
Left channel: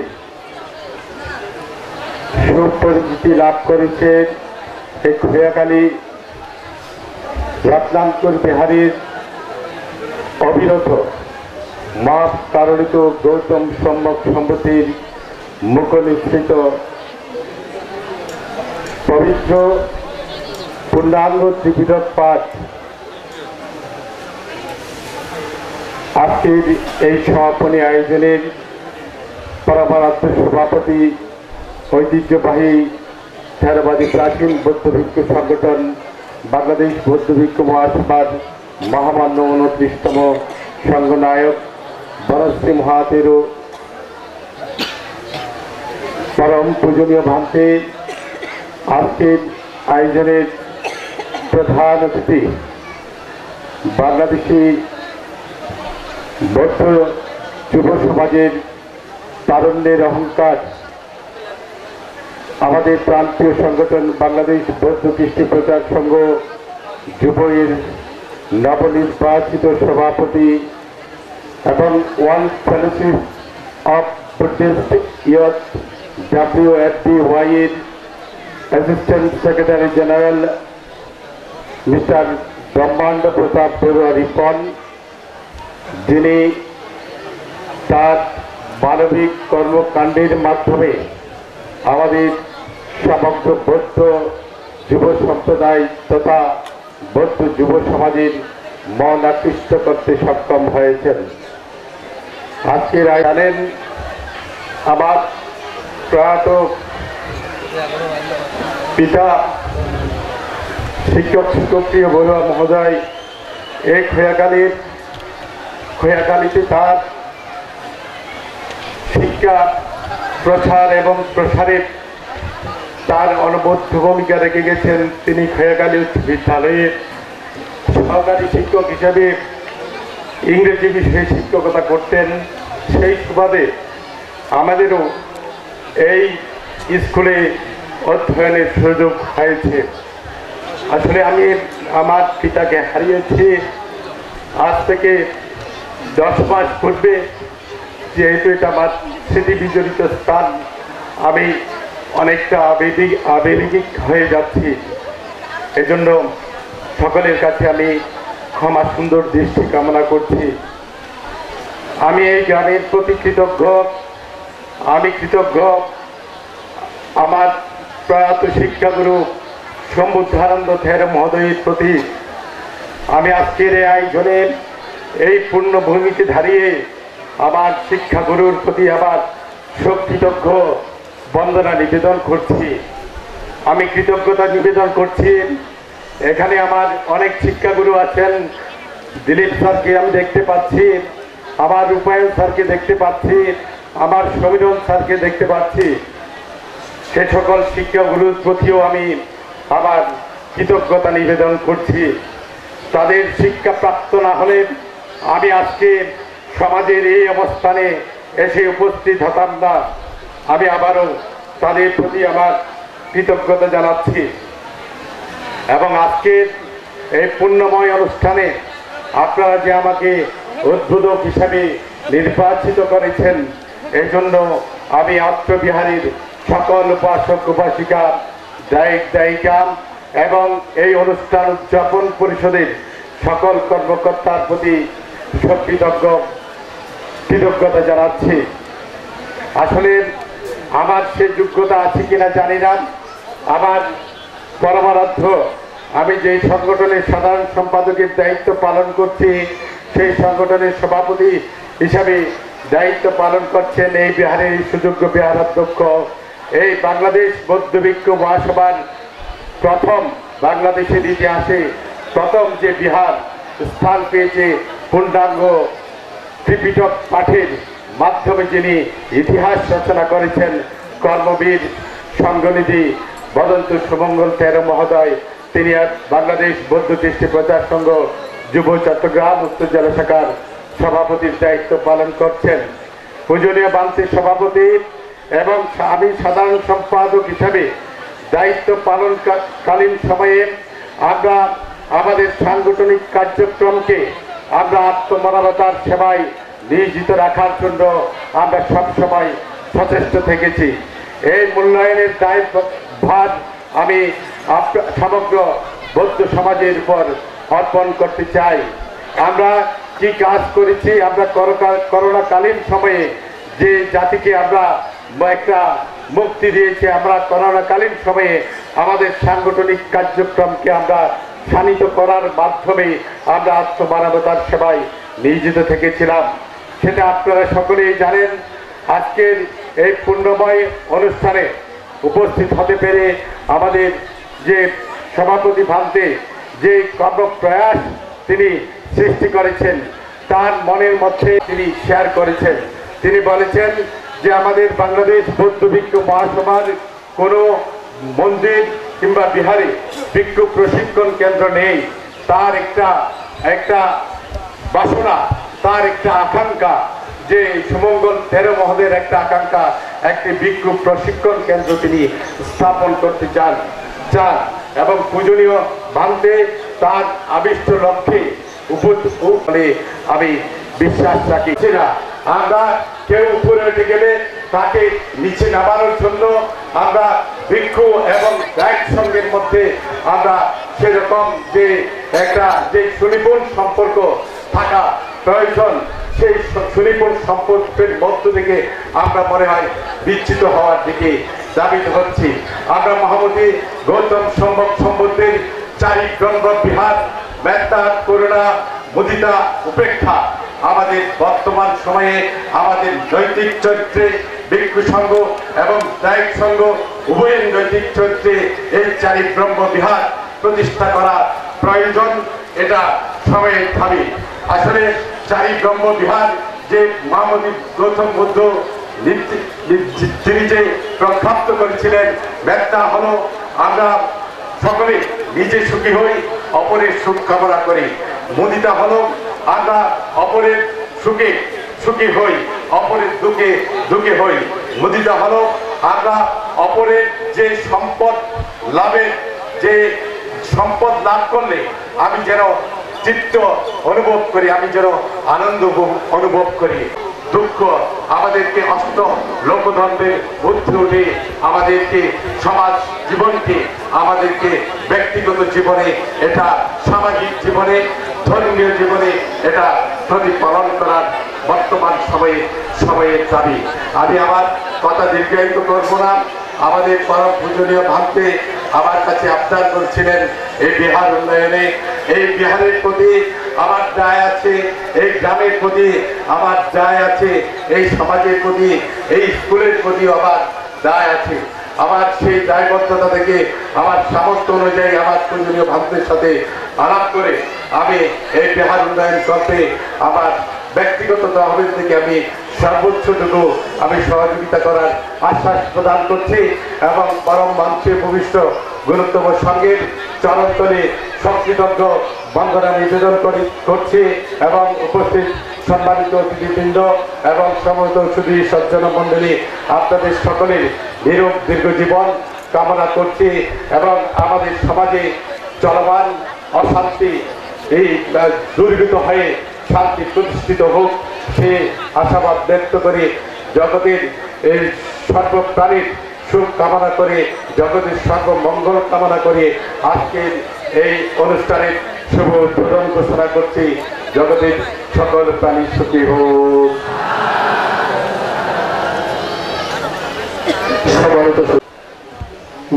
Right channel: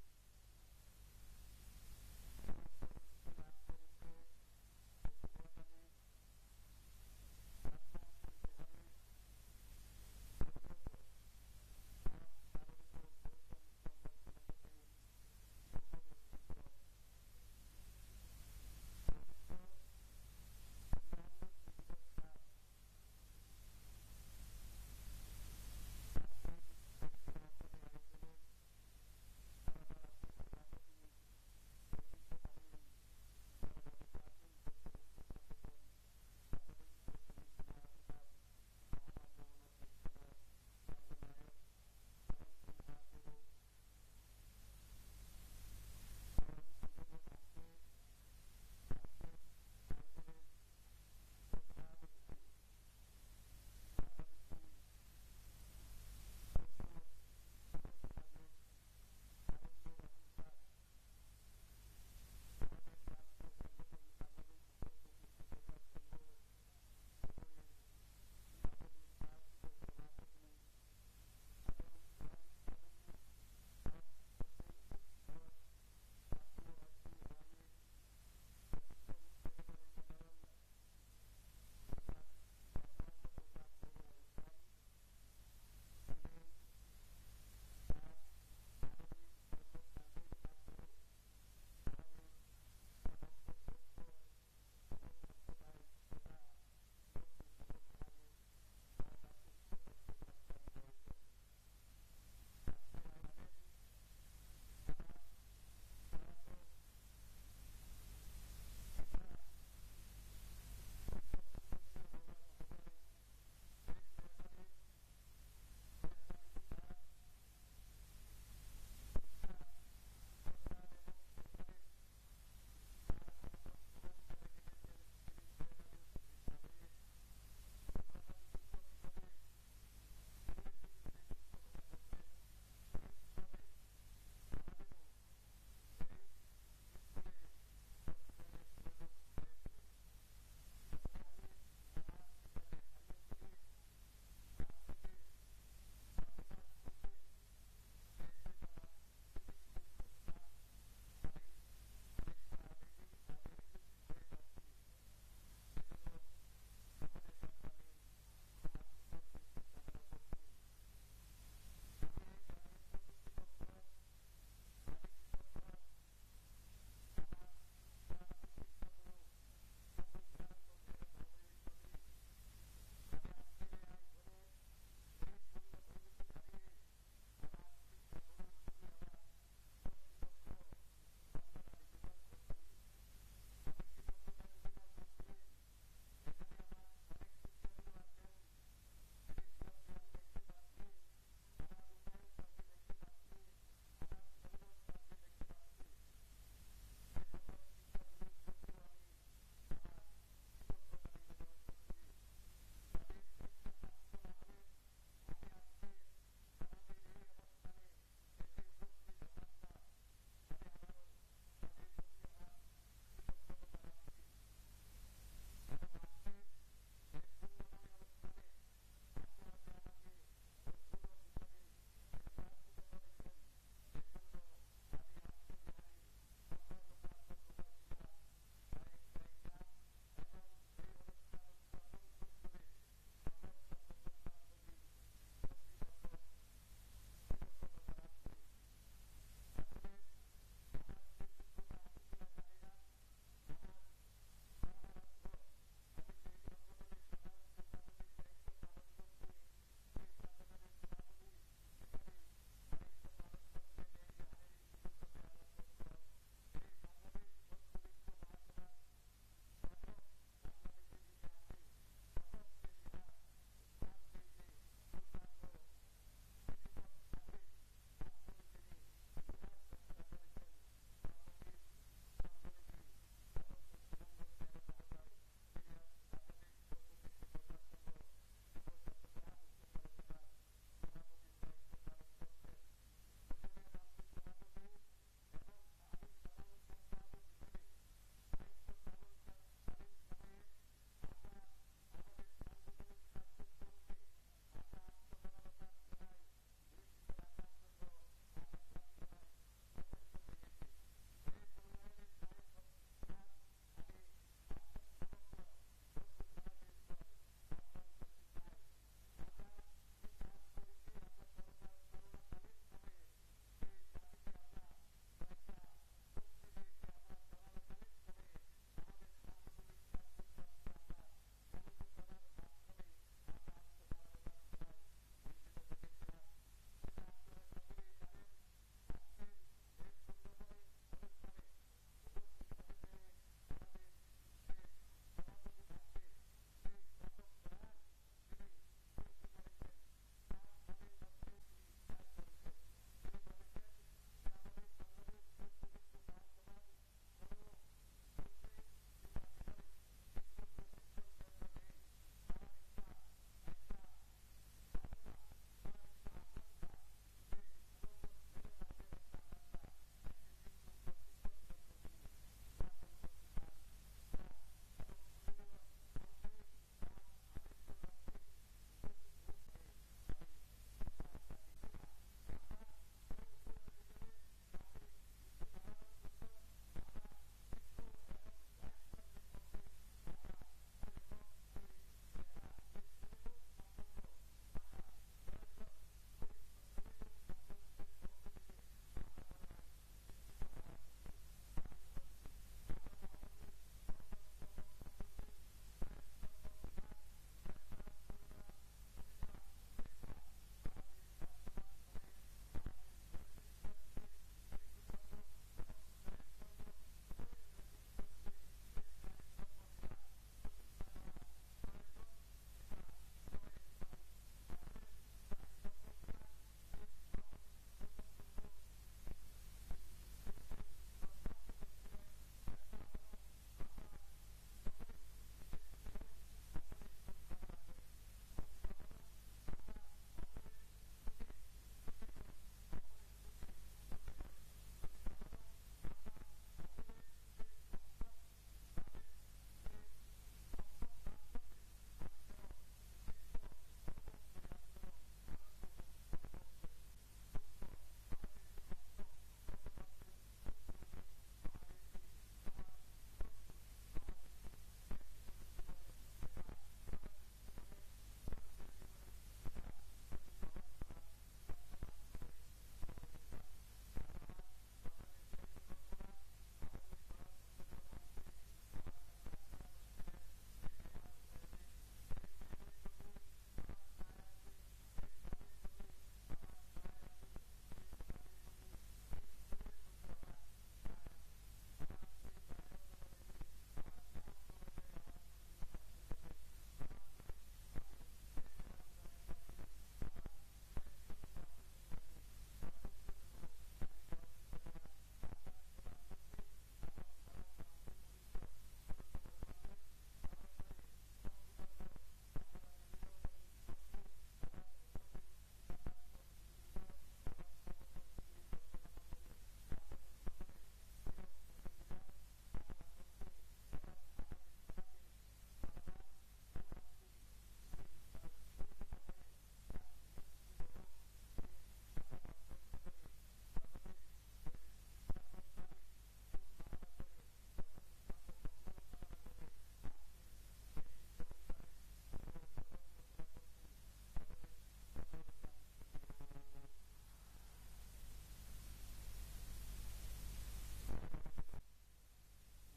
সুপরিচিতি লাভ করেছে এই খোয়াখালী রত্নাঙ্কুর বিহারীর অবিরত মাপ কারণিত গৌতম সম্যক সম্পত্তির মুখনিসৃত পবিত্র পূর্ণাঙ্গ ত্রিপিটক পাঠ আজকের এই সমাপনী আয়োজনের পরমারাধ্য সভাপতি ঐতিহ্যবাহী থেরবাদী প্রাচীন বৌদ্ধ ভিক্ষু সংগঠন বাংলাদেশ বৌদ্ধ ভিক্ষু মহাসভার মহামান্য 29তম সংঘনায়ক বনশ্রী মহাতেরো পরম পূজনীয় ভান্তে আজকের আয়োজনের প্রধান অতিথি বাংলাদেশি বৌদ্ধ যুব সমাজের তারুণ্যের অহংকার আমাদের প্রান্তীয় সংগঠন বাংলাদেশ বৌদ্ধ কৃষ্টি প্রচার সংঘ যুবয়ের নবনির্বাচিত সভাপতি এবং one fellowship of Buddhist youth WFDY এর অ্যাসিস্ট্যান্ট সেক্রেটারি জেনারেল মিস্টার ব্রহ্মাণ্ড প্রতাপ বড়ুয়া রিপন, যিনি তার মানবিক কর্মকাণ্ডের মাধ্যমে আমাদের সমগ্র বৌদ্ধ যুব সম্প্রদায় তথা বৌদ্ধ যুব সমাজের মন আকৃষ্ট করতে সক্ষম হয়েছেন। আজকের জানেন আমার প্রয়াত পিতা শিক্ষক শিক্ষকপ্রিয় বড়ুয়া মহোদয় এই খোয়াখালীতে তার শিক্ষা প্রচার এবং প্রসারে তার অনবদ্য ভূমিকা রেখে গেছেন। তিনি খোয়াখালী উচ্চ বিদ্যালয়ের সহকারী শিক্ষক হিসেবে ইংরেজি বিষয়ে শিক্ষকতা করতেন। সেই সুবাদে আমাদেরও এই স্কুলে অধ্যয়নের সুযোগ হয়েছে। আসলে আমি আমার পিতাকে হারিয়েছি আজ থেকে 10 মাস পূর্বে। যেহেতু এটা আমার স্মৃতি বিজড়িত স্থান, আমি অনেকটা আবেগিক হয়ে যাচ্ছি। এজন্য সকলের কাছে আমি ক্ষমা সুন্দর দৃষ্টি কামনা করছি। আমি এই গ্রামের প্রতি কৃতজ্ঞ। আমি কৃতজ্ঞ আমার প্রয়াত শিক্ষাগুরু সম্বুদ্ধানন্দ থের মহোদয়ের প্রতি। আমি আজকের এই আয়োজনের এই পূর্ণভূমিতে দাঁড়িয়ে আমার শিক্ষাগুরুর প্রতি আবার কৃতজ্ঞ বন্দনা নিবেদন করছি। আমি কৃতজ্ঞতা নিবেদন করছি। এখানে আমার অনেক শিক্ষাগুরু আছেন। দিলীপ স্যারকে আমি দেখতে পাচ্ছি, আমার রূপায়ণ স্যারকে দেখতে পাচ্ছি, আমার সমীরণ স্যারকে দেখতে পাচ্ছি। সে সকল শিক্ষাগুরুর প্রতিও আমি আবার কৃতজ্ঞতা নিবেদন করছি। তাদের শিক্ষা প্রাপ্ত না হলে আমি আজকে সমাজের এই অবস্থানে এসে উপস্থিত হতাম না। আমি আবারও তাদের প্রতি আমার কৃতজ্ঞতা জানাচ্ছি। এবং আজকের এই পুণ্যময় অনুষ্ঠানে আপনারা যে আমাকে উদ্বোধক হিসাবে নির্বাচিত করেছেন, এই জন্য আমি আত্মবিহারীর সকল উপাসক উপাসিকা, দায়িক দায়িকা এবং এই অনুষ্ঠান উদযাপন পরিষদের সকল কর্মকর্তার প্রতি কৃতজ্ঞতা জানাচ্ছি। আসলে আমার সে যোগ্যতা আছে কিনা জানি না। আমার পরমারাধ্য আমি যে সংগঠনের সাধারণ সম্পাদকের দায়িত্ব পালন করছি, সেই সংগঠনের সভাপতি হিসাবে দায়িত্ব পালন করছেন এই বিহারের সুযোগ্য বিহারাধ্যক্ষ। এই বাংলাদেশ বৌদ্ধ ভিক্ষু মহাসভার প্রথম, বাংলাদেশের ইতিহাসে প্রথম যে বিহার স্থান পেয়েছে পূর্ণাঙ্গ ত্রিপিটক পাঠের মাধ্যমে যিনি ইতিহাস রচনা করেছেন, কর্মবীর সংঘনিধি বদন্ত সুমঙ্গল তেরো মহোদয়, তিনি বাংলাদেশ বৌদ্ধ কৃষ্টি প্রচার সংঘ যুব চট্টগ্রাম উত্তর জেলা শাখার সভাপতির দায়িত্ব পালন করছেন। পূজনীয় বান্তির সভাপতি এবং আমি সাধারণ সম্পাদক হিসাবে দায়িত্ব পালনকালীন সময়ে আমরা আমাদের সাংগঠনিক কার্যক্রমকে আমরা আত্মমানবতার সেবায় নিয়োজিত রাখার জন্য আমরা সবসময় সচেষ্ট থেকেছি। এই মূল্যায়নের দায়ভার আমি সমগ্র বৌদ্ধ সমাজের উপর অর্পণ করতে চাই। আমরা কি কাজ করেছি, আমরা করোনাকালীন সময়ে যে জাতিকে আমরা একটা মুক্তি দিয়েছি, আমরা করোনাকালীন সময়ে আমাদের সাংগঠনিক কার্যক্রমকে আমরা শানিত করার মাধ্যমে আমরা আত্মমানবতার সেবায় নিয়োজিত থেকেছিলাম। সেটা আপনারা সকলেই জানেন। আজকের এই পুণ্যময় অনুষ্ঠানে উপস্থিত হতে পেরে আমাদের যে সভাপতি ভান্তে যে কর্মপ্রয়াস তিনি সৃষ্টি করেছেন, তার মনের মধ্যে তিনি শেয়ার করেছেন। তিনি বলেছেন যে আমাদের বাংলাদেশ বৌদ্ধ ভিক্ষু মহাসভার কোনো মন্দির কিংবা বিহারে ভিক্ষু প্রশিক্ষণ কেন্দ্র নেই। তার একটা বাসনা, তার একটা আকাঙ্ক্ষা যে সুমঙ্গল তেরো মহোদয়ের একটা আকাঙ্ক্ষা, একটি ভিক্ষু প্রশিক্ষণ কেন্দ্র তিনি স্থাপন করতে চান এবং পূজনীয় ভান্তে তার আবিষ্ট লক্ষ্যে বলে আমি বিশ্বাস রাখি। আমরা কেউ উপরে উঠে গেলে তাকে নিচে নামানোর জন্য আমরা ভিক্ষু এবং গাইড সঙ্গের মধ্যে আমরা সেরকম যে একটা যে সুনিপুণ সম্পর্ক থাকা প্রয়োজন, সেই সুনিপুণ সম্পর্কের মধ্য থেকে আমরা মনে হয় বিচ্ছিত হওয়ার দিকে দাবিত হচ্ছি। আমরা মহামতি গৌতম সম্বন্ধের চারি ব্রহ্ম বিহার, মেত্তা, করুণা, মুদিতা, উপেক্ষা আমাদের বর্তমান সময়ে আমাদের নৈতিক চরিত্রে ভিক্ষু সংঘ এবং দায়িক সংঘ উভয়ের নৈতিক চরিত্রে এই চারি ব্রহ্ম বিহার প্রতিষ্ঠা করা প্রয়োজন। এটা সময়ের দাবি। আসলে চারি ব্রহ্ম বিহার যে মহামতি গৌতম বুদ্ধ তিনি যে প্রখ্যাপ্ত করেছিলেন, ব্যাখ্যা হলো আমরা সকলে নিজে সুখী হই, অপরের সুখ কামনা করি। মুদিতা হলো আমরা অপরের সুখে সুখী হই, অপরের দুঃখে দুঃখে হই। মুদিতা হলো আমরা অপরের যে সম্পদ লাভের, যে সম্পদ লাভ করলে আমি যেন চিত্ত অনুভব করি, আমি যেন আনন্দ অনুভব করি। দুঃখ আমাদেরকে অষ্ট লোকধর্মের বুদ্ধি উঠে আমাদেরকে সমাজ জীবনকে, আমাদেরকে ব্যক্তিগত জীবনে, এটা সামাজিক জীবনে, ধর্মীয় জীবনে এটা প্রতিপালন করার বর্তমান সময়ের দাবি। আমি আমার কথা দীর্ঘায়িত করব না। আমাদের পরম পূজনীয় ভান্তে আমার কাছে আবদার করছিলেন এই বিহার উন্নয়নে, এই বিহারের প্রতি আমার দায় আছে, এই গ্রামের প্রতি আমার দায় আছে, এই সমাজের প্রতি, এই স্কুলের প্রতি আমার দায় আছে। আমার সেই দায়বদ্ধতা থেকে আমার সামর্থ্য অনুযায়ী আমার পূজনীয় ভান্তের সাথে আলাপ করে আমি এই বিহার উন্নয়ন করতে আমার ব্যক্তিগত তহবিল থেকে আমি সর্বোচ্চটুকু আমি সহযোগিতা করার আশ্বাস প্রদান করছি এবং পরম মঞ্চে ভূমিষ্ঠ গুরুত্বপূর্ণ সঙ্গের চরণতলে সকৃতজ্ঞ বন্দনা নিবেদন করছি এবং উপস্থিত সম্মানিত অতিথিবৃন্দ এবং সমস্ত সুধী সজ্জন মণ্ডলী, আপনাদের সকলের নিরোগ দীর্ঘ জীবন কামনা করছি এবং আমাদের সমাজে চলমান অশান্তি এই দুর্গত হয়ে শান্তি প্রতিষ্ঠিত হোক সে আশাবাদ ব্যক্ত করে জগতের এই সর্বপ্রাণীর সুখ কামনা করে, জগতের সর্বমঙ্গল কামনা করে আজকের এই অনুষ্ঠানের শুভ উদ্বোধন ঘোষণা করছি। জগতের সকল প্রাণী সুখী হোক।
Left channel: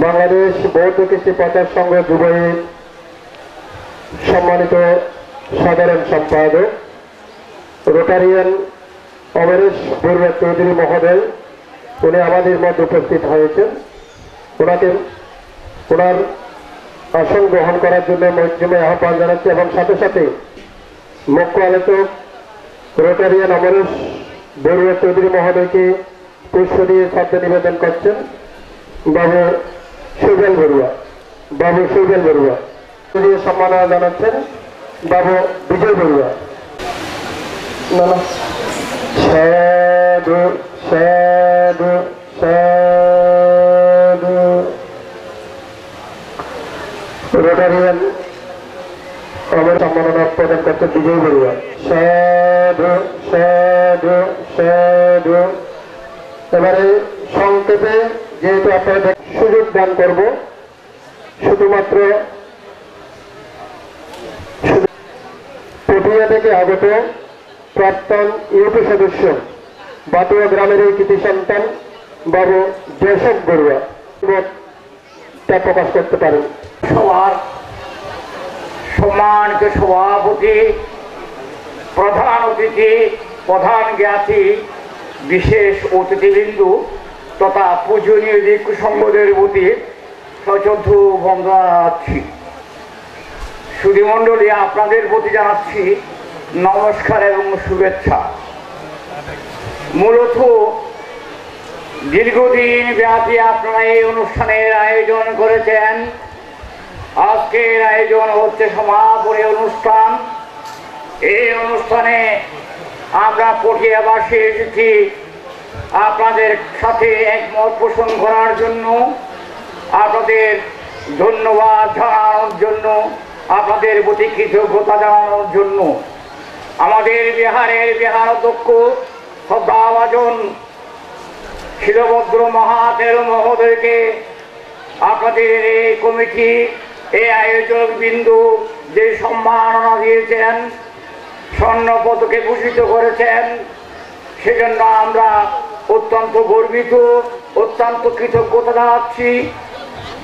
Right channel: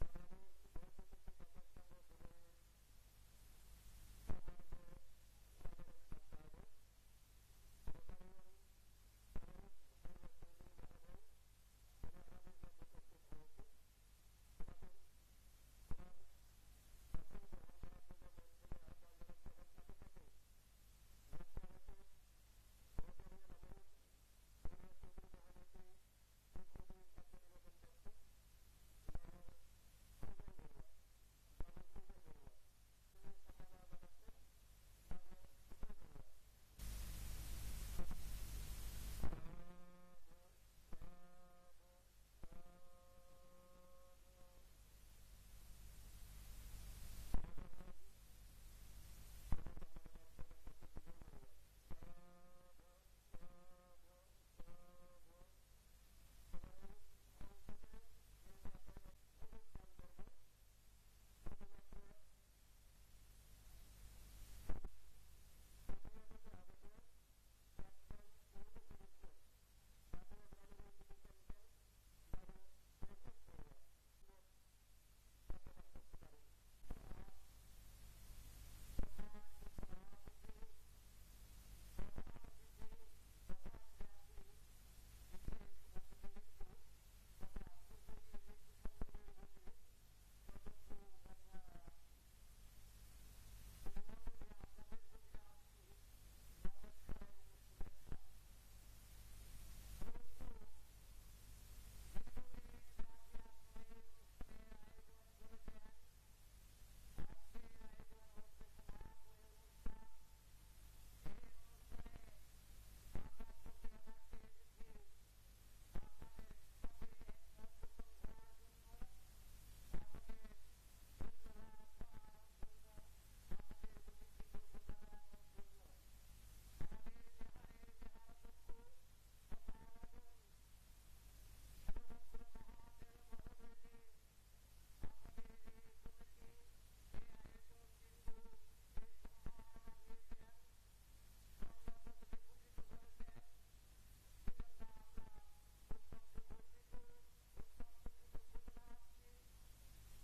বাংলাদেশ বৌদ্ধ কৃষি প্রচার সংঘ যুবলীগ সম্মানিত সাধারণ সম্পাদক রোটারিয়ান অমরেশ বড়ুয়া চৌধুরী মহোদয়, উনি আমাদের মধ্যে উপস্থিত হয়েছেন। ওনার আসন গ্রহণ করার জন্য মৈত্রীময় আহ্বান জানাচ্ছি এবং সাথে সাথে মুখ্য আলোচক রোটারিয়ান অমরেশ বড়ুয়া চৌধুরী মহোদয়কে পুষ্প দিয়ে শ্রদ্ধা নিবেদন করছেন বাবু সুবেল বড়ুয়া। বাবু সুবেল বড়ুয়া দিয়ে সম্মাননা জানাচ্ছেন বাবু বিজয় বড়ুয়া। সাধু সাধু সাধু। রোটারিয়ান আমার সম্মাননা প্রদান করছেন বিজয় বড়ুয়া। সাধু সাধু সাধু। এবারে সংক্ষেপে যেহেতু আপনাদের সুযোগ দান করব, শুধুমাত্র পটিয়া থেকে আগত প্রাক্তন ইউপি সদস্য বাতুয়া গ্রামের এই কৃতি সন্তান বাবু জয়সব বড়ুয়া তা প্রকাশ করতে পারেন। সবার সম্মানিত সভাপতি, প্রধান অতিথি, প্রধান জ্ঞাতি, বিশেষ অতিথিবৃন্দু তথা পূজনীয় ভিক্ষু সংঘদের প্রতি সশ্রদ্ধ বন্দনা জানাচ্ছি। সুধীমণ্ডলী, আপনাদের প্রতি জানাচ্ছি নমস্কার এবং শুভেচ্ছা। মূলত দীর্ঘদিন ব্যাপী আপনারা এই অনুষ্ঠানের আয়োজন করেছেন। আজকের আয়োজন হচ্ছে সমাপনী অনুষ্ঠান। এই অনুষ্ঠানে আমরা পটিয়াবাসী এসেছি আপনাদের সাথে একমত পোষণ করার জন্য, আপনাদের ধন্যবাদ জানানোর জন্য, আপনাদের প্রতি কৃতজ্ঞতা জানানোর জন্য। আমাদের বিহারের বিহারাধ্যক্ষ শ্রদ্ধাভাজন শিলভদ্র মহাতের মহোদয়কে আপনাদের এই কমিটি, এই আয়োজক বিন্দু যে সম্মাননা দিয়েছেন, স্বর্ণ পদকে ভূষিত করেছেন, সেজন্য আমরা অত্যন্ত গর্বিত, অত্যন্ত কৃতজ্ঞতা জানাচ্ছি।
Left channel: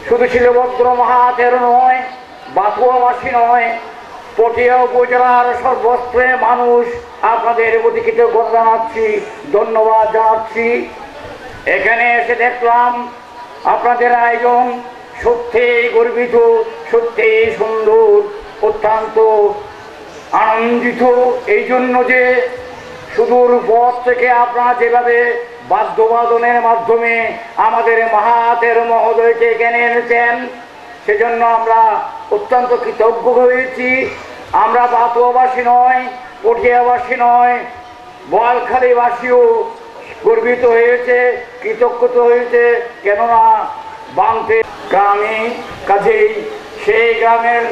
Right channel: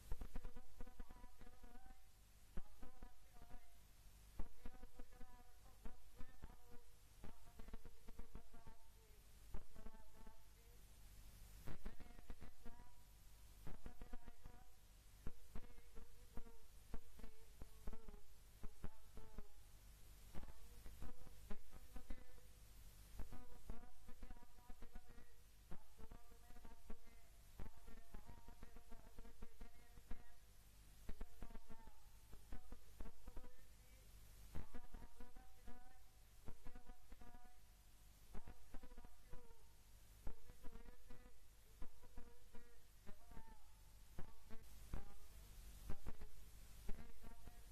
শুধু শিলভদ্র মহাতের নয়, বাতুয়াবাসী নয়, পটিয়া উপজেলার সর্বস্তরের মানুষ আপনাদের প্রতি কৃতজ্ঞতা জানাচ্ছি, ধন্যবাদ জানাচ্ছি। এখানে এসে দেখলাম আপনাদের আয়োজন সত্যিই গর্বিত, সত্যিই সুন্দর, অত্যন্ত আনন্দিত। এই জন্য যে সুদূর পথ থেকে আপনারা যেভাবে বাদ্যবাদনের মাধ্যমে আমাদের মহাতের মহোদয়কে এখানে এনেছেন, সেজন্য আমরা অত্যন্ত কৃতজ্ঞ হয়েছি। আমরা বাতুয়াবাসী নয়, পটিয়াবাসী নয়, বোয়ালখালীবাসীও গর্বিত হয়েছে, কৃতজ্ঞতা হয়েছে। কেননা বাংতে গ্রামে, কাজেই সেই গ্রামের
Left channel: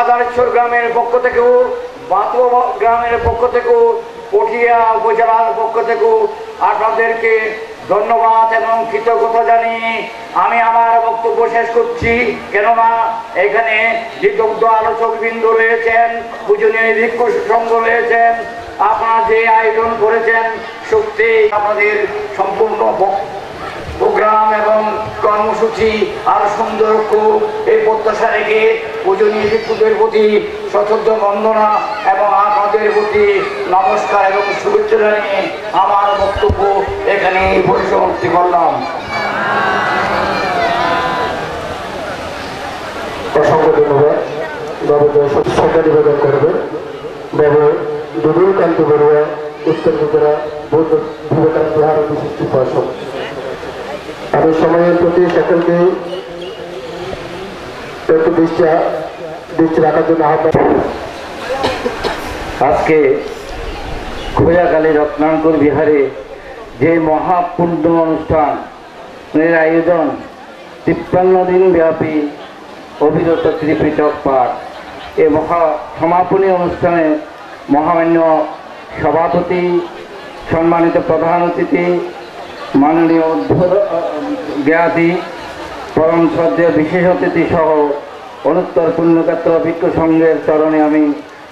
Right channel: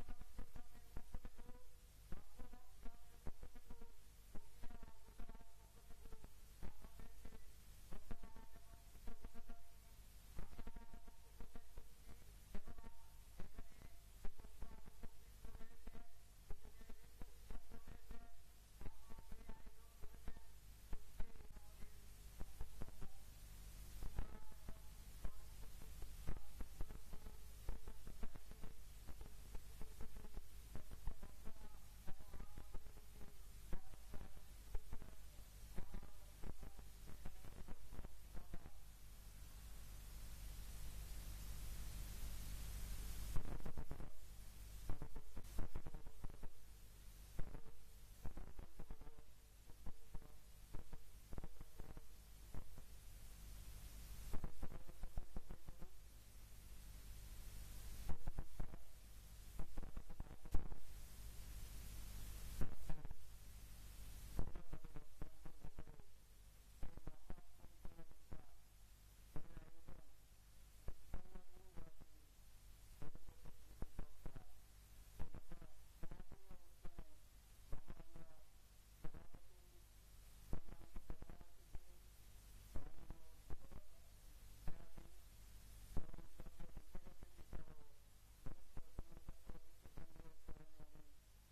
আদারেশ্বর গ্রামের পক্ষ থেকেও, বাতুয়া গ্রামের পক্ষ থেকেও, পটিয়া উপজেলার পক্ষ থেকেও আপনাদেরকে ধন্যবাদ এবং কৃতজ্ঞতা জানিয়ে আমি আমার বক্তব্য শেষ করছি। কেননা এখানে বিদগ্ধ আলোচকবৃন্দ রয়েছেন, পূজনীয় ভিক্ষু সংঘ রয়েছেন, আপনারা যে আয়োজন করেছেন সত্যি আমাদের সম্পূর্ণ প্রোগ্রাম এবং কর্মসূচি আরো সুন্দর হোক এই প্রত্যাশা রেখে পূজনীয় ভিক্ষুদের প্রতি সশ্রদ্ধ বন্দনা এবং আপনাদের প্রতি নমস্কার এবং শুভেচ্ছা জানিয়ে আমার বক্তব্য এখানে পরিসমাপ্তি করলাম। অসংখ্য ধন্যবাদ। বাবু শ্রদ্ধা নিবেদন করবেন বাবু দুদুলকান্ত বড়ুয়া, উত্তর ত্রিপুরা বৌদ্ধ বিবেকানন্দ বিহার বিশিষ্ট উপাসক। আমি সময়ের প্রতি সকলকে একটু দৃষ্টি রাখার জন্য আহ্বান। আজকে খোয়াখালী রত্নাঙ্কুর বিহারে যে মহাপূর্ণ অনুষ্ঠানের আয়োজন, 53 দিন ব্যাপী অবিরত ত্রিপিটক পাঠ, এই সমাপনী অনুষ্ঠানে মহামান্য সভাপতি, সম্মানিত প্রধান অতিথি, মাননীয় জ্ঞাতি, পরম শ্রদ্ধেয় বিশেষ অতিথি সহ অনুত্তর পুণ্যক্ষেত্র ভিক্ষু সংঘের চরণে আমি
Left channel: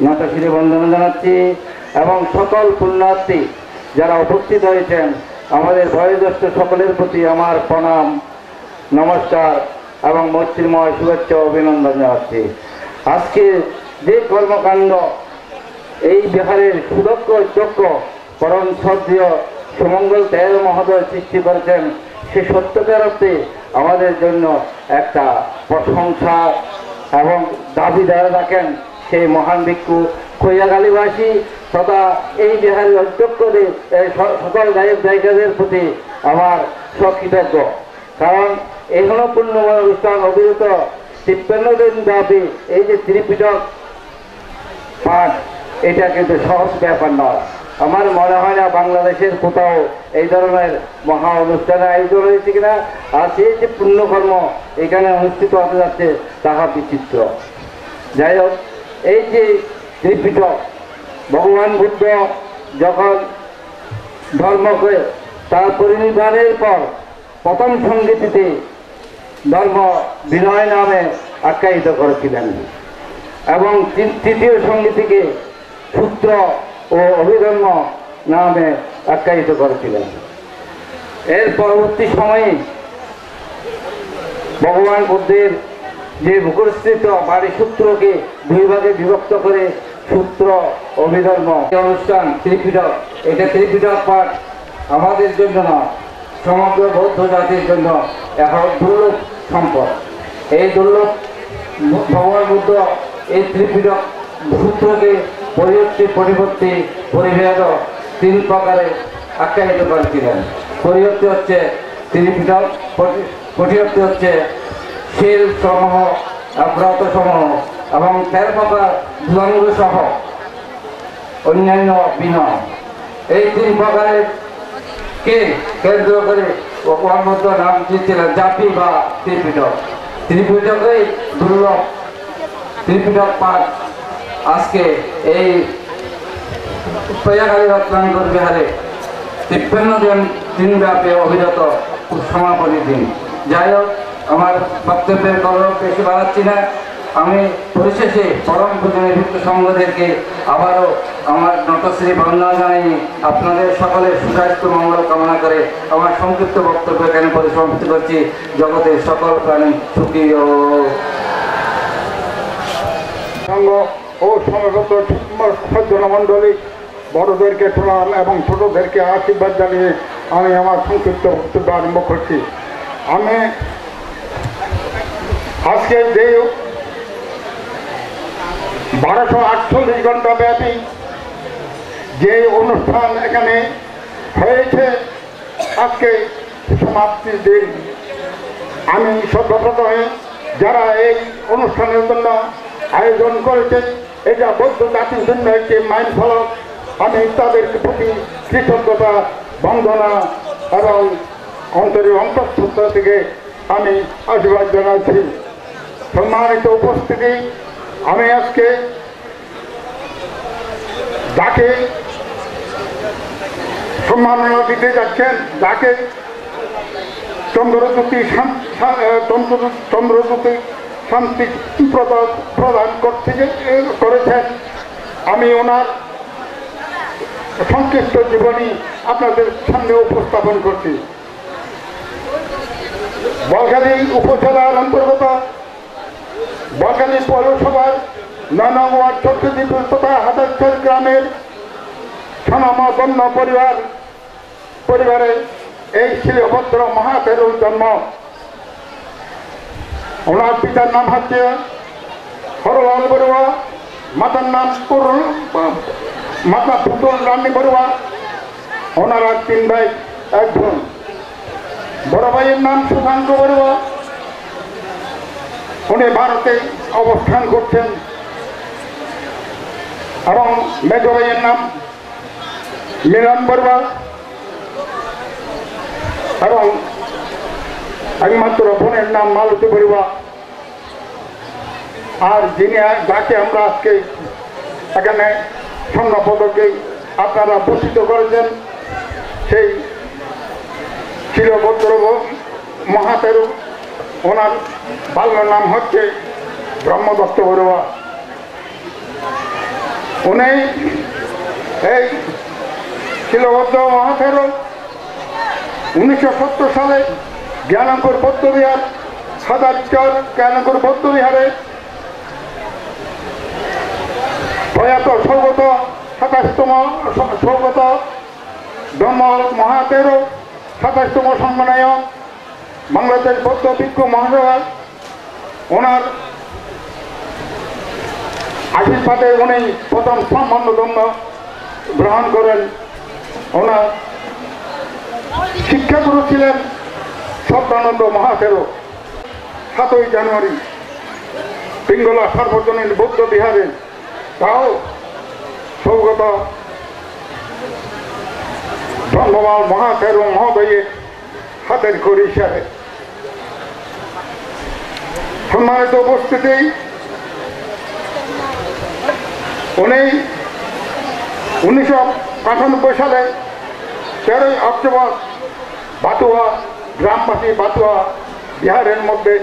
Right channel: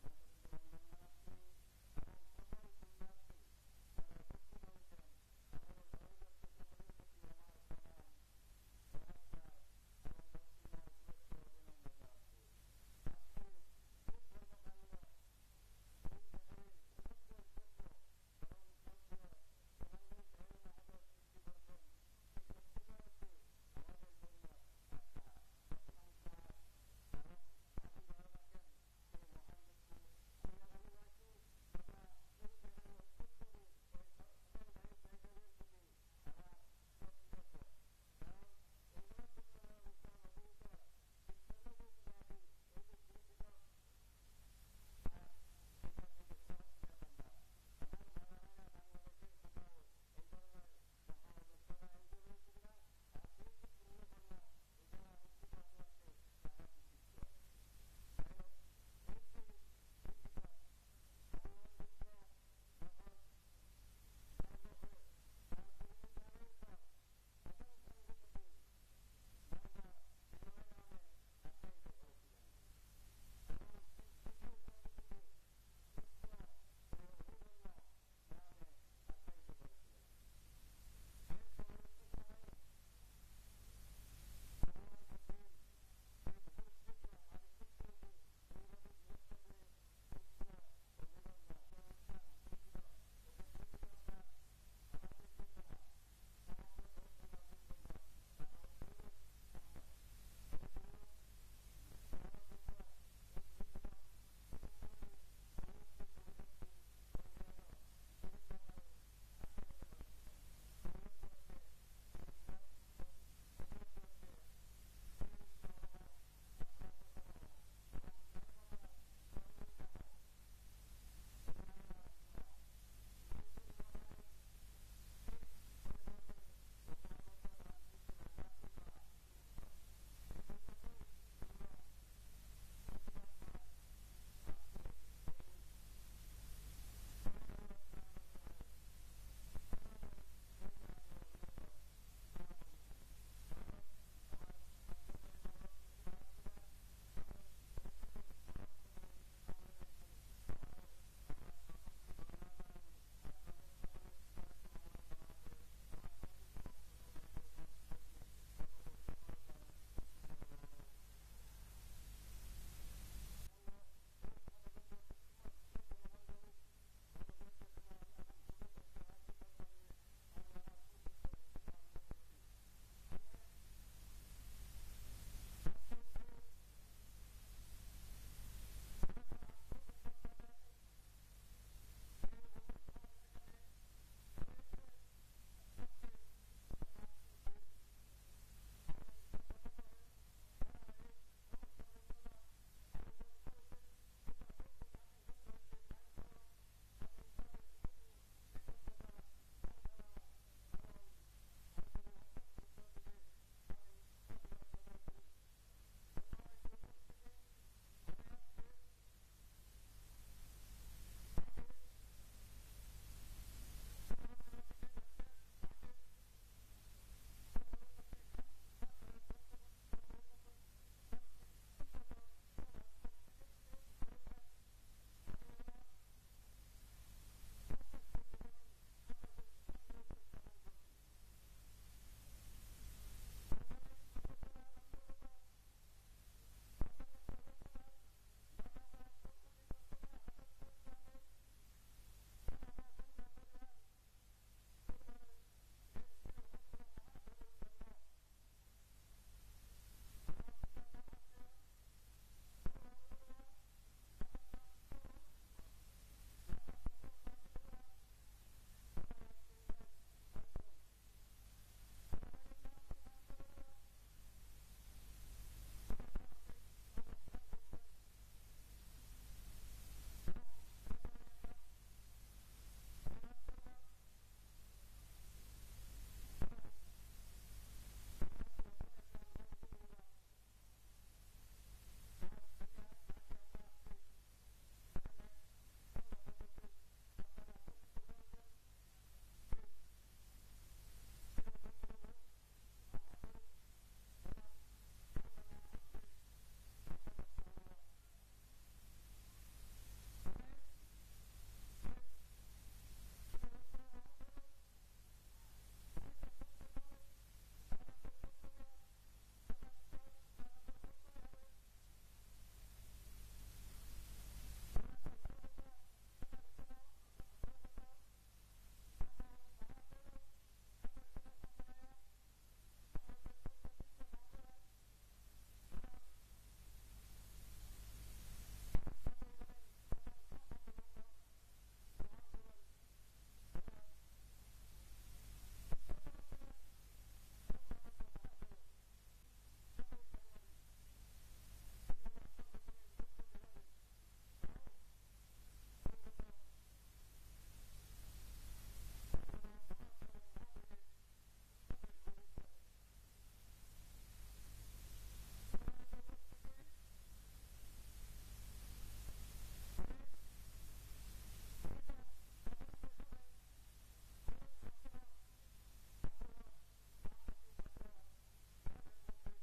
নতশিরে বন্দনা জানাচ্ছি এবং সকল পুণ্যার্থী যারা উপস্থিত হয়েছেন, আমাদের বয়োজ্যেষ্ঠ সকলের প্রতি আমার প্রণাম, নমস্কার এবং মৈত্রীময় শুভেচ্ছা অভিনন্দন জানাচ্ছি। আজকে যে কর্মকাণ্ড এই বিহারের সুদক্ষ যোগ্য পরম শ্রদ্ধেয় সুমঙ্গল দেয় মহোদয় সৃষ্টি করেছেন, সে সত্যতার অর্থে আমাদের জন্য একটা প্রশংসা এবং দাবিদার রাখেন সেই মহান ভিক্ষু খৈয়াখালীবাসী তথা এই বিহারের অধ্যক্ষদের সকল গায়ক গায়িকাদের প্রতি আমার সকৃতজ্ঞ। কারণ এখনো পূর্ণময় অনুষ্ঠান অবিরত 53 দিন ব্যাপী এই যে ত্রিপিটক পাঠ, এটা কিন্তু সহজ ব্যাপার নয়। আমার মনে হয় না বাংলাদেশের কোথাও এই ধরনের মহা অনুষ্ঠানের আয়োজন হয়েছে কিনা। আর সেই যে পুণ্যকর্ম এখানে অনুষ্ঠিত হতে যাচ্ছে তাহা বিচিত্র। যাই হোক, এই যে ত্রিপিটক, ভগবান বুদ্ধ যখন ধর্মকে তার পরিনির্বাণের পর প্রথম সংগীতিতে ধর্ম বিনয় নামে আখ্যায়িত করেছিলেন এবং তৃতীয় সংগীতিকে সূত্র ও অভিধর্ম নামে আখ্যায়িত করেছিলেন। এর পরবর্তী সময়ে ভগবান বুদ্ধের যে মুখস্থিত বাড়ি সূত্রকে দুই ভাগে বিভক্ত করে সূত্র অভিধর্ম অনুষ্ঠান ত্রিপিটক, এটা ত্রিপিটক পাঠ আমাদের জন্য না, সমগ্র বৌদ্ধ জাতির জন্য এখন দুর্লভ সম্পদ। এই দুর্লভ ভগবান বুদ্ধ এই ত্রিপিটক সূত্রকে পরিবর্তী পরিভেদ 3 প্রকারে আখ্যায়িত করেছিলেন। পরিবর্তী হচ্ছে ত্রিপিটক, পরিবর্তী হচ্ছে শিল সমূহ, ব্রত সমূহ এবং 13 প্রকার দুরঙ্গ সহ অন্যান্য বিনয়। এই 3 প্রকারের কে কেন্দ্র করে ভগবান বুদ্ধ নাম দিয়েছিলেন জাতি বা ত্রিপিটক। ত্রিপিটকেই দুর্লভ ত্রিপিটক পাঠ আজকে এই প্রয়াগরাজে রত্নাকর বিহারে 53 দিন ব্যাপী অবিরত সমাপনী দিন। যাই হোক, আমার বক্তব্যের গৌরব বেশি বাড়াচ্ছি না। আমি পরিশেষে পরম পূজনীয় ভিক্ষু সংঘদেরকে আবারও আমার নতশ্রী বন্দনা জানাই আপনাদের সকলের সুস্বাস্থ্য মঙ্গল কামনা করে আমার সংক্ষিপ্ত বক্তব্য এখানে পরিসমাপ্তি করছি। জগতের সকল প্রাণী সুখী ও সংঘ ও সমবেত সজ্জনমণ্ডলী, বড়দেরকে প্রণাম এবং ছোটদেরকে আশীর্বাদ জানিয়ে আমি আমার সংক্ষিপ্ত বক্তব্য আরম্ভ করছি। আমি আজকে যে 1248 ঘন্টা ব্যাপী যে অনুষ্ঠান এখানে হয়েছে, আজকে সমাপ্তির দিন। আমি সর্বপ্রথমে যারা এই অনুষ্ঠানের জন্য আয়োজন করেছে, এটা বৌদ্ধ জাতির জন্য একটি মাইল ফলক। আমি তাদের প্রতি কৃতজ্ঞতা, বন্দনা এবং অন্তরের অন্তঃস্থ থেকে আমি আশীর্বাদ জানাচ্ছি। সম্মানিত উপস্থিতি, আমি আজকে যাকে সম্মাননা দিতে যাচ্ছেন, যাকে চন্দ্রজ্যোতি শান্তি প্রদান করেছেন, আমি ওনার সংক্ষিপ্ত জীবনী আপনাদের সামনে উপস্থাপন করছি। বলখালী উপজেলার অন্তর্গত বলখালী পৌরসভার 9 নং ওয়ার্ড চট্টদ্বীপ তথা হাজারচর গ্রামের স্বনামধন্য পরিবারে এই শিলভদ্র মহাতেরুর জন্ম। ওনার পিতার নাম হচ্ছে হরলাল বড়ুয়া, মাতার নাম মাতা পুতুল রানী বড়ুয়া। ওনারা 3 ভাই 1 বোন। বড় ভাইয়ের নাম সুশান্ত বড়ুয়া, উনি ভারতে অবস্থান করছেন, এবং মেজ ভাইয়ের নাম মিলন বড়ুয়া এবং একমাত্র বোনের নাম মালতী বড়ুয়া। আর যাকে আমরা আজকে এখানে স্বর্ণপদকে আপনারা ভূষিত করেছেন, সেই শিলভদ্র মহাতেরু, ওনার বাল্য নাম হচ্ছে ব্রহ্মদত্ত বড়ুয়া। উনি এই শিলভদ্র মহাতেরু 1970 সালে জ্ঞানঙ্কুর বৌদ্ধবিহার, হাজারচর জ্ঞানঙ্কুর বৌদ্ধবিহারে প্রয়াত সৌগত 27তম সৌগত ব্রহ্ম মহাতেরু 27তম সম্মানায়ক বাংলাদেশ বৌদ্ধ ভিক্ষু মহাসভা, ওনার আশীর্বাদে উনি প্রথম সম্মানধন্য গ্রহণ করেন। ওনার শিক্ষাগুরু ছিলেন সদানন্দ মহাথেরো। 7ই জানুয়ারি পিঙ্গলা সার্বজনীন বৌদ্ধ বিহারে তাও সৌগত ধর্মপাল মহাথেরো মহোদয়ের হাতের খড়ি হিসাবে। সম্মানিত উপস্থিতি, উনি 1998 সালে 13ই অক্টোবর বাতুয়া গ্রামবাসী বাতুয়া বিহারের মধ্যে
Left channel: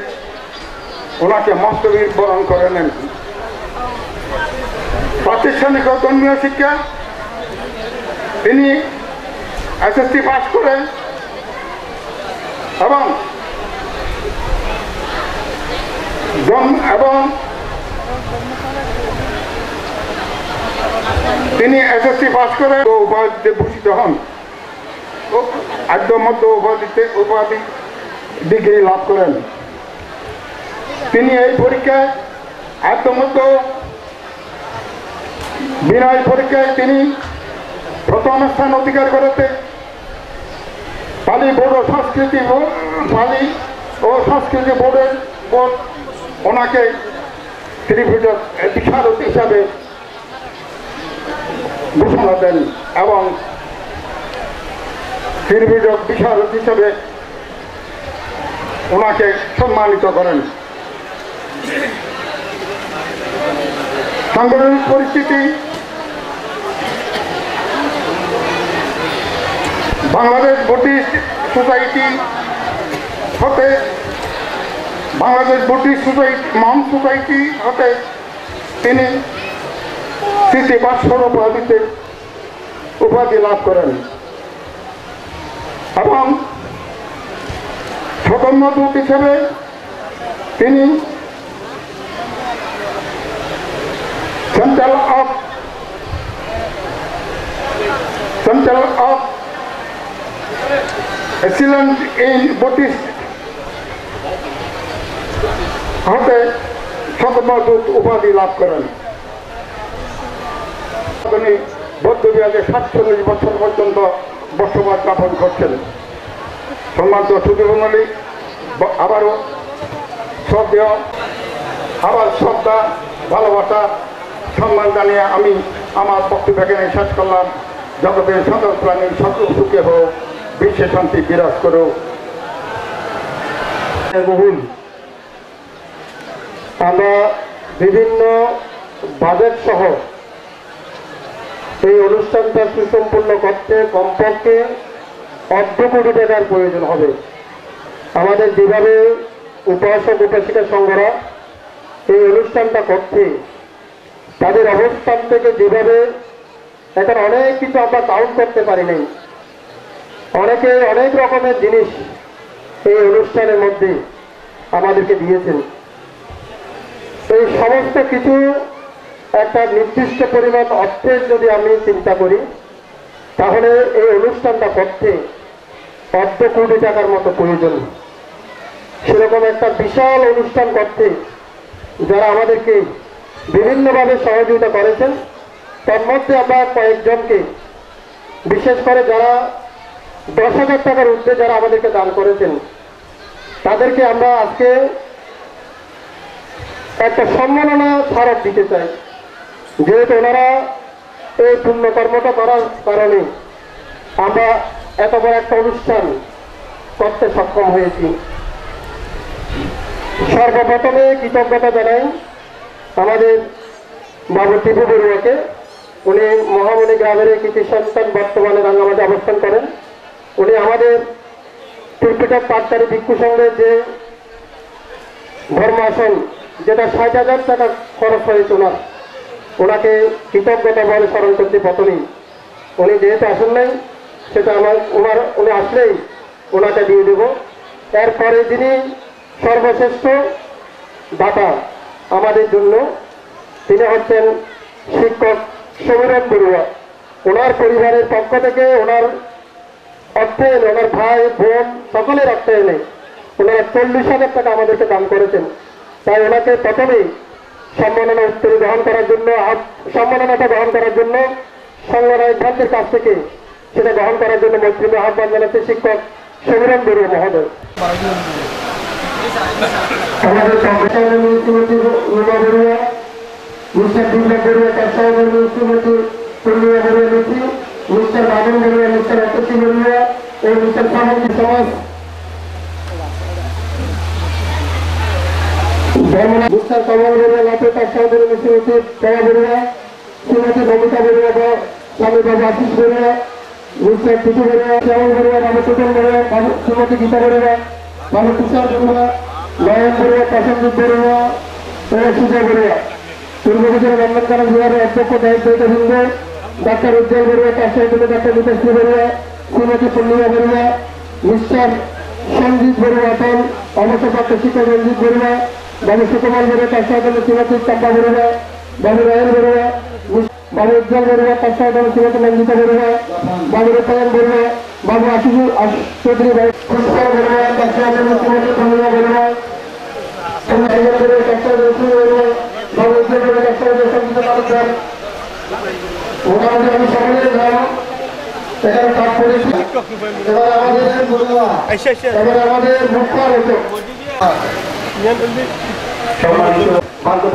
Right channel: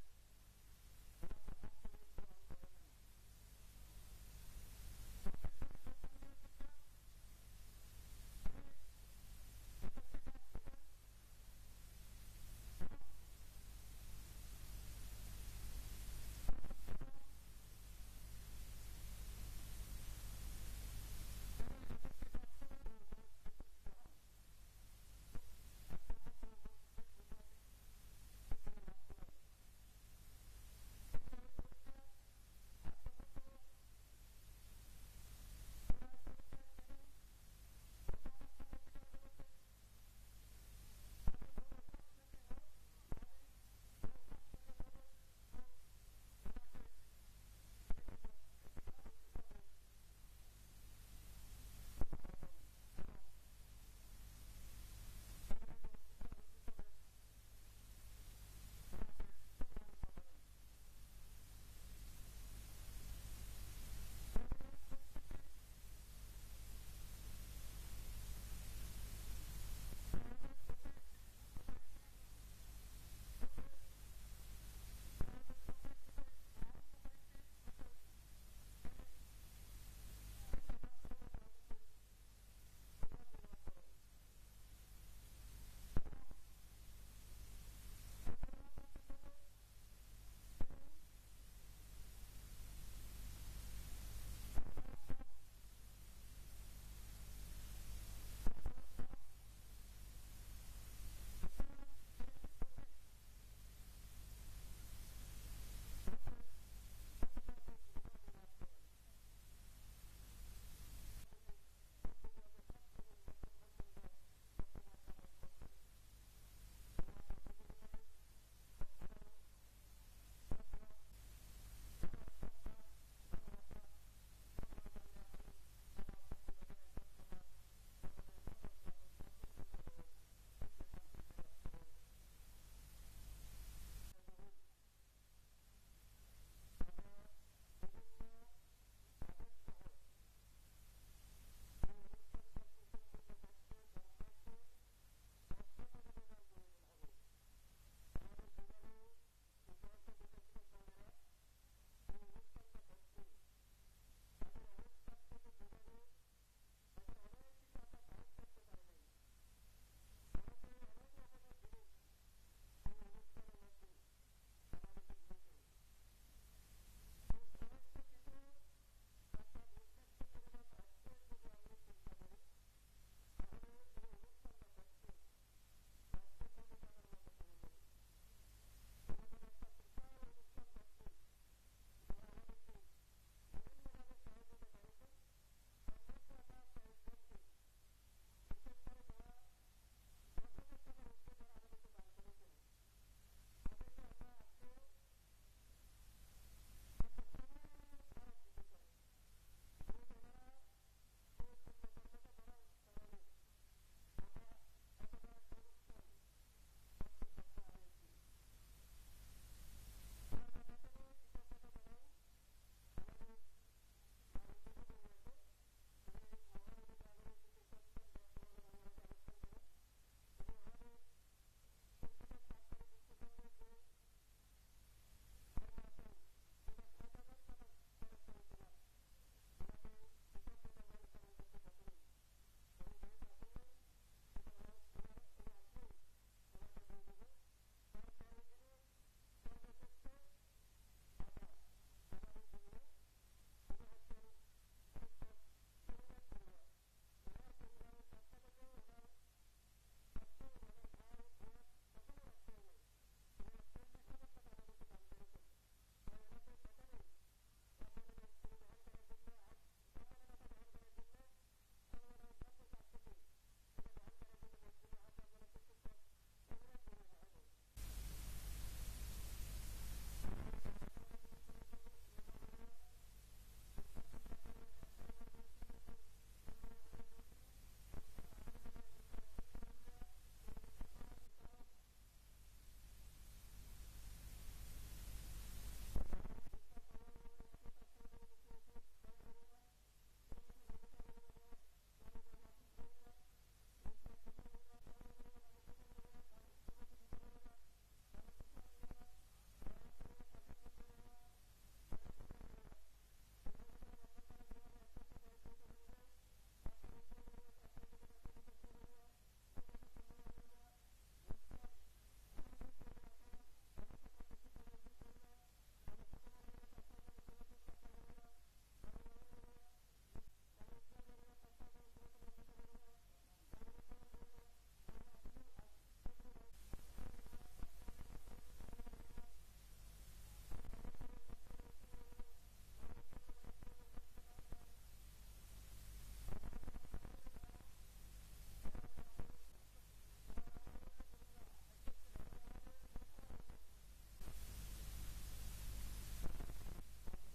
ওনাকে মস্তবীর বরণ করে নেন। প্রাতিষ্ঠানিক ও ধর্মীয় শিক্ষা তিনি এসএসসি পাস করেন এবং তিনি এসএসসি পাস করে উপাধিতে ভূষিত হন। আদ্য মধ্য উপাধি ডিগ্রি লাভ করেন। তিনি এই পরীক্ষায় আদ্য মধ্য বিনয় পরীক্ষায় তিনি প্রথম স্থান অধিকার করতে পালি বোর্ড ও সংস্কৃতি বোর্ড ওনাকে ত্রিভুজক বিশারদ হিসাবে ঘোষণা দেন এবং ত্রিভুজক বিশারদ হিসাবে ওনাকে সম্মানিত করেন। সাংগঠনিক পরিস্থিতি বাংলাদেশ বুদ্ধিস্ট সোসাইটি হতে মহান সোসাইটি হতে তিনি স্মৃতি বাৎসর উপাধি লাভ করেন এবং ধর্মদূত হিসেবে তিনি central of excellence in Buddhist হতে ধর্মদূত উপাধি লাভ করেন। তিনি বৌদ্ধবিহারে 47 বছর পর্যন্ত বসবাস যাপন করছেন। সম্মানিত সুধীমণ্ডলী, আবারও শ্রদ্ধা ভালোবাসা সম্মান জানিয়ে আমি আমার বক্তব্য এখানে শেষ করলাম। জগতের সকল প্রাণীর সকল সুখে হোক, বিশ্বে শান্তি বিরাজ করুক। বহুল আমরা বিভিন্ন বাজেট সহ এই অনুষ্ঠানটা সুসম্পন্ন করতে কমপক্ষে 1.5 কোটি টাকার প্রয়োজন হবে। আমাদের যেভাবে উপাসক উপাসিকা সংঘরা এই অনুষ্ঠানটা করছে তাদের অবস্থান থেকে যেভাবে এখন অনেক কিছু আমরা কাউন্ট করতে পারি নাই, অনেকে অনেক রকমের জিনিস এই অনুষ্ঠানের মধ্যে আমাদেরকে দিয়েছেন। এই সমস্ত কিছু একটা নির্দিষ্ট পরিমাণ অর্থের যদি আমি চিন্তা করি তাহলে এই অনুষ্ঠানটা করতে 1.5 কোটি টাকার মতো প্রয়োজন। সেরকম একটা বিশাল অনুষ্ঠান করতে যারা আমাদেরকে বিভিন্নভাবে সহযোগিতা করেছেন তার মধ্যে আমরা কয়েকজনকে, বিশেষ করে যারা 10,000 টাকার ঊর্ধ্বে যারা আমাদেরকে দান করেছেন তাদেরকে আমরা আজকে একটা সম্মাননা স্মারক দিতে চাই, যেহেতু ওনারা এই পুণ্যকর্মটা করার কারণে আমরা এত বড় একটা অনুষ্ঠান করতে সক্ষম হয়েছি। সর্বপ্রথমে কৃতজ্ঞতা জানাই আমাদের বাবু টিপু বড়ুয়াকে। উনি মহামণি গ্রামের কৃতি সন্তান, বর্তমানে রাঙ্গামাটি অবস্থান করেন। উনি আমাদের ত্রিপিটক পাঠকারী ভিক্ষু সংঘের যে ধর্মাসন, যেটা 60,000 টাকা খরচ হয়েছে ওনাকে কৃতজ্ঞতা বলে স্মরণ করতে প্রথমেই। উনি যেহেতু আসেন নাই সেটা উনি আসলেই ওনাকে দিয়ে দেব। এরপরে যিনি সর্বশ্রেষ্ঠ দাতা আমাদের জন্য, তিনি হচ্ছেন শিক্ষক সমীরণ বড়ুয়া। ওনার পরিবারের পক্ষ থেকে ওনার অর্থায়নে, ওনার ভাই বোন সকলের অর্থায়নে ওনারা 40,000 টাকা আমাদেরকে দান করেছেন। তাই ওনাকে প্রথমেই সম্মাননাটা গ্রহণ করার জন্য সংগঠনের ভ্রান্তের কাছ থেকে সেটা গ্রহণ করার জন্য মৈত্রী আহ্বান জানাচ্ছে শিক্ষক সমীরণ বড়ুয়া মহোদয়। আমাদের সহকর্মী শ্রীমতী রুমা বড়ুয়া, মিস্টার দুর্গা বড়ুয়া, তার সহকর্মী শ্রীমতী পূর্ণিমা বড়ুয়া মিত্রী, মিস্টার বাবন বড়ুয়া, মিস্টার অতসী বড়ুয়া ও মিস্টার সামন্তী সমাজ, মিস্টার কমল বড়ুয়া লাভে, তার সহকর্মী শ্রীমতী জয়া বড়ুয়া, শ্রীমতী নমিতা বড়ুয়া বা স্বামী বাবু আশিস বড়ুয়া, মিস্টার টুটু বড়ুয়া, শ্যামল বড়ুয়া, বাবু টুটন বড়ুয়া, শ্রীমতী গীতা বড়ুয়া, বাবু তুষার বড়ুয়া, নয়ন বড়ুয়া, প্রসেনজিৎ বড়ুয়া ও সুজয় বড়ুয়া। পূর্ববর্তী নন্দনকানন বিহারের অধ্যক্ষ দায়িত্ববৃন্দ ডাক্তার উজ্জ্বল বড়ুয়া, তার সহযোগী ডাক্তার বিকাশ্রী বড়ুয়া, শ্রীমতী পূর্ণিমা বড়ুয়া, মিস্টার সঞ্জিত বড়ুয়া, অটল অবসরপ্রাপ্ত শিক্ষক রঞ্জিত বড়ুয়া, বাবু সুকুমার বড়ুয়া, তার সহযোগী শ্রীমতী চম্পা বড়ুয়া, বাবু রায়ন বড়ুয়া, বাবু উজ্জ্বল বড়ুয়া, তার সহযোগী শ্রীমতী নন্দিতা বড়ুয়া, বাবু রূপায়ণ বড়ুয়া, বাবু আশিস চৌধুরী পুষ্কর বড়ুয়া, তার সহযোগী শ্রীমতী পূর্ণিমা বড়ুয়া, বাবু উজ্জ্বল বড়ুয়া, তার সহযোগী সঞ্জিত তালুকদার। মোটামুটি আমি সকলের নাম এখানে পাঠ করেছি। এবার আমাদের মুখ্য আলোচক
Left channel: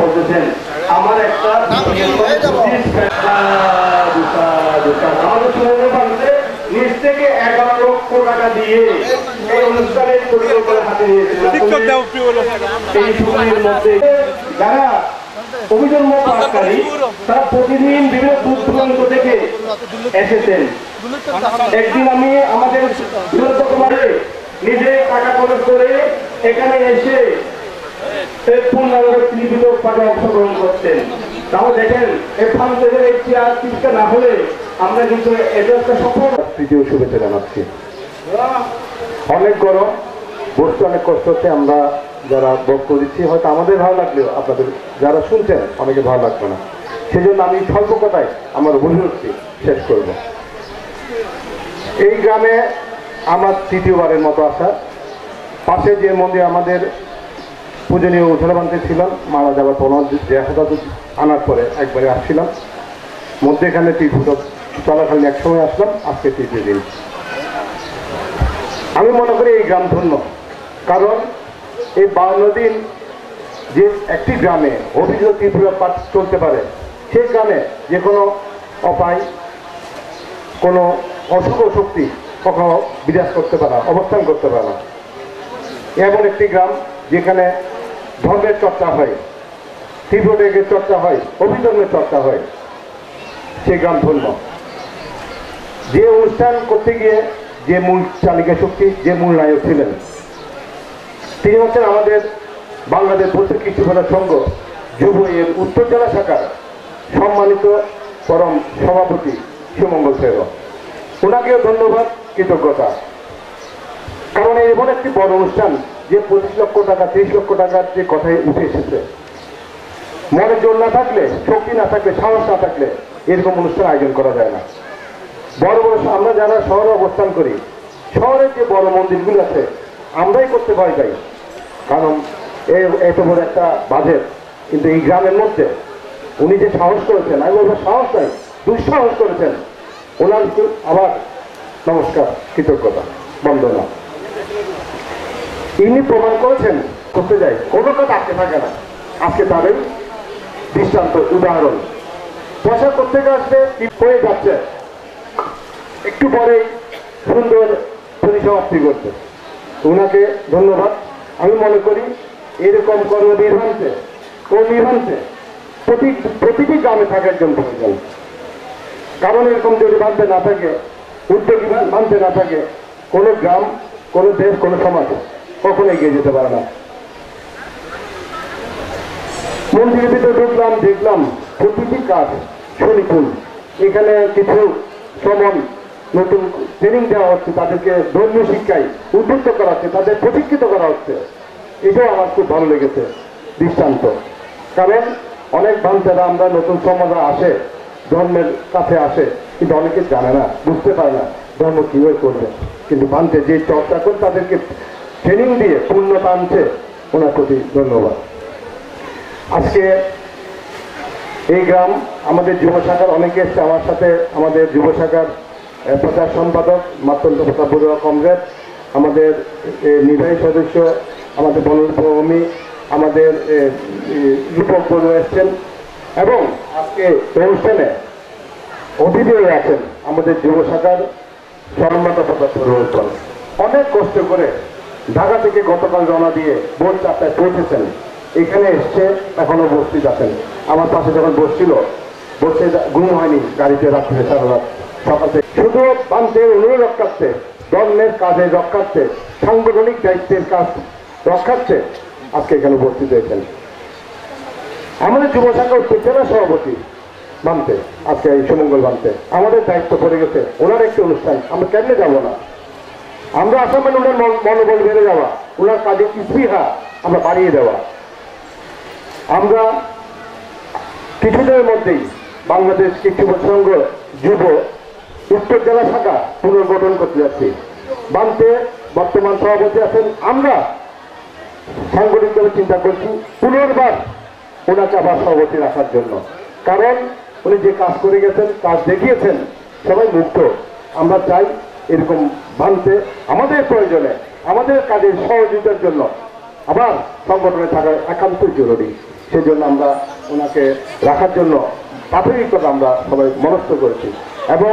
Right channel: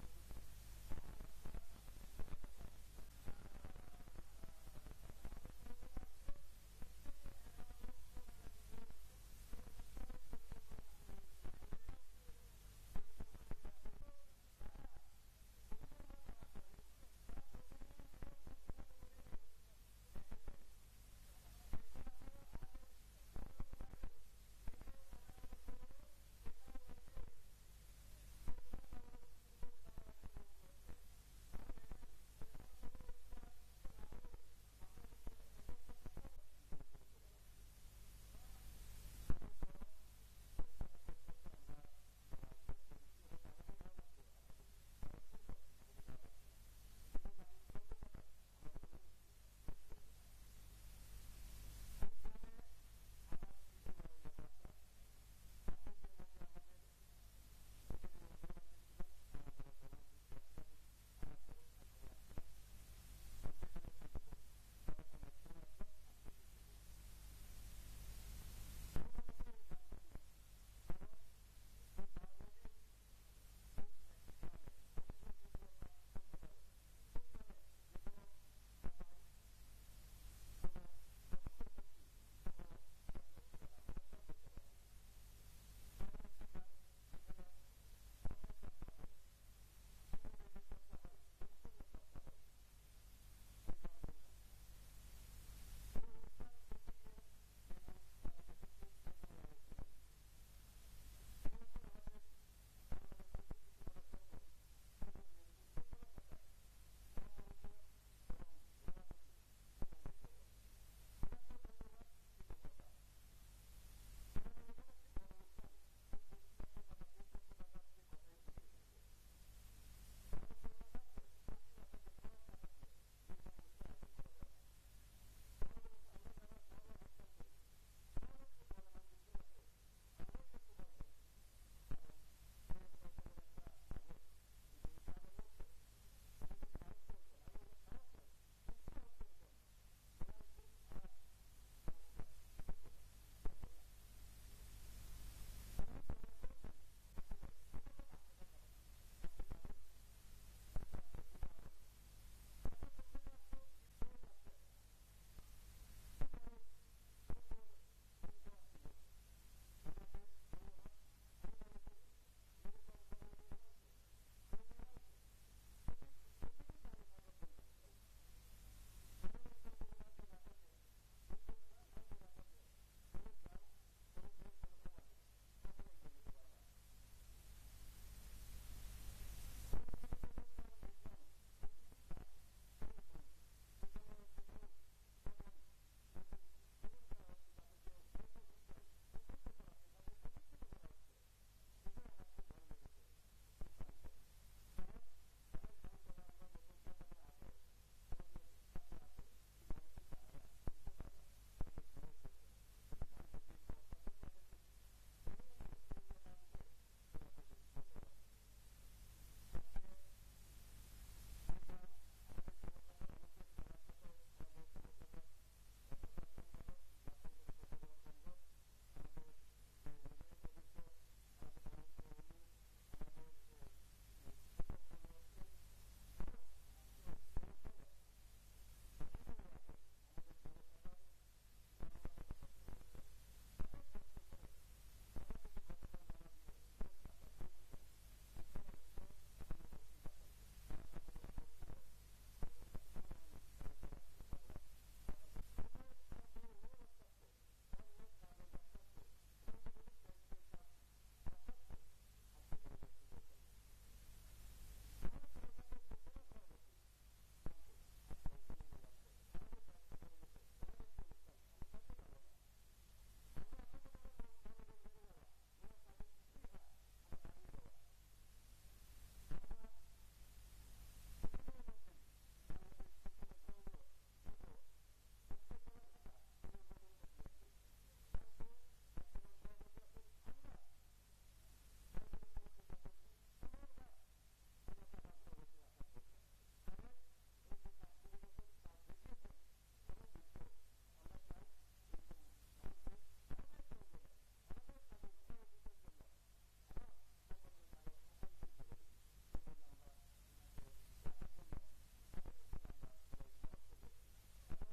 বলতেছেন আমার একটা নিজ থেকে 11 লক্ষ টাকা দিয়ে এই অনুষ্ঠানের পরিকল্পনা হাতে নিয়েছিলেন। এই সময়ের মধ্যে যারা অভিযোগ পাঠকারী তারা প্রতিদিন বিভিন্ন দূর দূরান্ত থেকে এসেছেন। একদিন আমি আমাদের বিরোধী নিজে টাকা খরচ করে এখানে এসে অংশগ্রহণ করতেন। তাহলে দেখেন এই ফান্ডের এই চিকিৎসা না হলে আমরা কিন্তু এটা একটা সফল। তৃতীয় শুভেচ্ছা জানাচ্ছি। অনেক গরম, বসতে অনেক কষ্ট হচ্ছে। আমরা যারা বক্তব্য দিচ্ছি হয়তো আমাদের ভালো লাগলেও আপনাদের যারা শুনছেন অনেকে ভালো লাগবে না। সেজন্য আমি স্বল্প কথায় আমার অভিব্যক্তি শেষ করব। এই গ্রামে আমার তৃতীয়বারের মতো আসা। পাশে যে মন্দির আমাদের পূজনীয় উজ্জ্বলবান্তি ছিলাম, মারা যাওয়ার পর দেহটা আনার পরে একবারে আসছিলাম। মধ্যে এখানে তীর্থ চলাকালীন এক সময় আসলাম, আজকে তৃতীয় দিন। আমি মনে করি এই গ্রাম ধন্য, কারণ এই 52 দিন যে একটি গ্রামে অভিযোগ ত্রিপুরা পাঠ চলতে পারে, সেই গ্রামে যে কোনো অপায়, কোনো অশুভ শক্তি কখনো বিরাজ করতে পারে না, অবস্থান করতে পারে না। এমন একটি গ্রাম যেখানে ধর্মের চর্চা হয়, ত্রিপুরের চর্চা হয়, অভিধর্মের চর্চা হয়, সেই গ্রাম ধন্য। যে অনুষ্ঠান করতে গিয়ে যে মূল চালিকা শক্তি, যে মূল নায়ক ছিলেন, তিনি হচ্ছেন আমাদের বাংলাদেশ বৌদ্ধ কৃষ্টিপনা সংঘ যুব এর উত্তর জেলা শাখার সম্মানিত পরম সভাপতি সুমঙ্গল সেব। ওনাকেও ধন্যবাদ, কৃতজ্ঞতা। কারণ এমন একটি বড় অনুষ্ঠান যে 25 লক্ষ টাকা 30 লক্ষ টাকার যে কথায় উঠে এসেছে, মনের জোর না থাকলে, শক্তি না থাকলে, সাহস না থাকলে এরকম অনুষ্ঠান আয়োজন করা যায় না। বড় বড় আমরা যারা শহরে অবস্থান করি, শহরের যে বড় মন্দিরগুলো আছে আমরাই করতে ভয় পাই, কারণ এত বড় একটা বাজেট। কিন্তু এই গ্রামের মধ্যে উনি যে সাহস করেছেন, আমি বলবো সাহস নাই, দুঃসাহস করেছেন। ওনার আবার নমস্কার, কৃতজ্ঞতা, বন্দনা। ইনি প্রমাণ করেছেন করতে যাই কোনো কাজ আটকে থাকে না। আজকে তাদের দৃষ্টান্ত, উদাহরণ। পয়সা করতে আসবে হয়ে যাচ্ছে, একটু পরেই সুন্দর পরিসমাপ্তি করছে। ওনাকে ধন্যবাদ। আমি মনে করি এরকম কর্মনির্বাহীতে প্রতিটি গ্রামে থাকে একজন প্রয়োজন। কারণ এরকম যদি মানতে না থাকে, উদ্যোগী মানতে না থাকে, কোনো গ্রাম, কোনো দেশ, কোনো সমাজ কখনো এগিয়ে যেতে পারে না। মন্দিরের ভিতরে ঢুকলাম, দেখলাম প্রতিটি কাজ সুনিপুণ। এখানে কিছু শ্রমণ নতুন ট্রেনিং দেওয়া হচ্ছে, তাদেরকে ধর্মীয় শিক্ষায় উদ্বুদ্ধ করা হচ্ছে, তাদের প্রশিক্ষিত করা হচ্ছে। এটাও আমার খুব ভালো লেগেছে দৃষ্টান্ত। কারণ অনেক বাচ্চারা আমরা নতুন সমাজে আসে, ধর্মের কাছে আসে, কিন্তু অনেকে জানে না, বুঝতে পারে না ধর্ম কিভাবে করবে। কিন্তু বানতে যে চর্চা করে তাদেরকে ট্রেনিং দিয়ে পূর্ণতা আনছে, ওনার প্রতি ধন্যবাদ। আজকে এই গ্রাম আমাদের যুব শাখার অনেকে এসছে আমার সাথে, আমাদের যুব শাখার প্রচার সম্পাদক মাতন্ত প্রতাপ বড়ুয়া কমরেড, আমাদের নির্বাহী সদস্য আমাদের বনভূমি, আমাদের রূপক বড়ুয়া এসছেন, এবং আজকে অনুষ্ঠানে অতিথি হয়ে আছেন আমাদের যুব শাখার সম্মানিত প্রতাপ বড়ুয়া। অনেক কষ্ট করে ঢাকা থেকে গতকাল রওনা দিয়ে ভোর 4টায় পৌঁছেছেন, এখানে এসছে এখনো উপস্থিত আছেন। আমার পাশে যখন বসে ঘুম হয়নি গাড়িতে রাত্রে সারা রাত সকাল থেকে, শুধু বান্ধের অনুরোধ রক্ষার্থে, ধর্মের কাজে রক্ষার্থে, সাংগঠনিক দায়িত্বের কাজ রক্ষার্থে আজকে এখানে উপস্থিত হয়েছেন। আমাদের যুব শাখা উত্তর জেলা সভাপতি বানতে, আজকে এই সুমঙ্গল বানতে আমাদের দায়িত্ব পড়ে গেছে। ওনার একটি অনুষ্ঠান, আমরা কেমনে যাবো না? আমরা আসামের ওনার মনোবল বেড়ে যাওয়া, ওনার কাজে স্পৃহা আমরা বাড়িয়ে দেওয়া। আমরা কিছুদিনের মধ্যেই বাংলাদেশ কৃষি সংঘ যুব উত্তর জেলা শাখা পুনর্গঠন করতে যাচ্ছি। বানতে বর্তমান সভাপতি আছেন, আমরা সাংগঠনিকভাবে চিন্তা করছি পুনর্বার ওনাকে আবার সভাপতি রাখার জন্য। কারণ উনি যে কাজ করে গেছেন, কাজ দেখিয়েছেন, সবাই মুগ্ধ। আমরা চাই এরকম বানতে আমাদের প্রয়োজনে, আমাদের কাজের সহযোগিতার জন্য আবার সংগঠনে থাকা একান্তই জরুরি। সেজন্য আমরা ওনাকে রাখার জন্য প্রাথমিকভাবে আমরা সবাই মনস্থ করেছি। এবং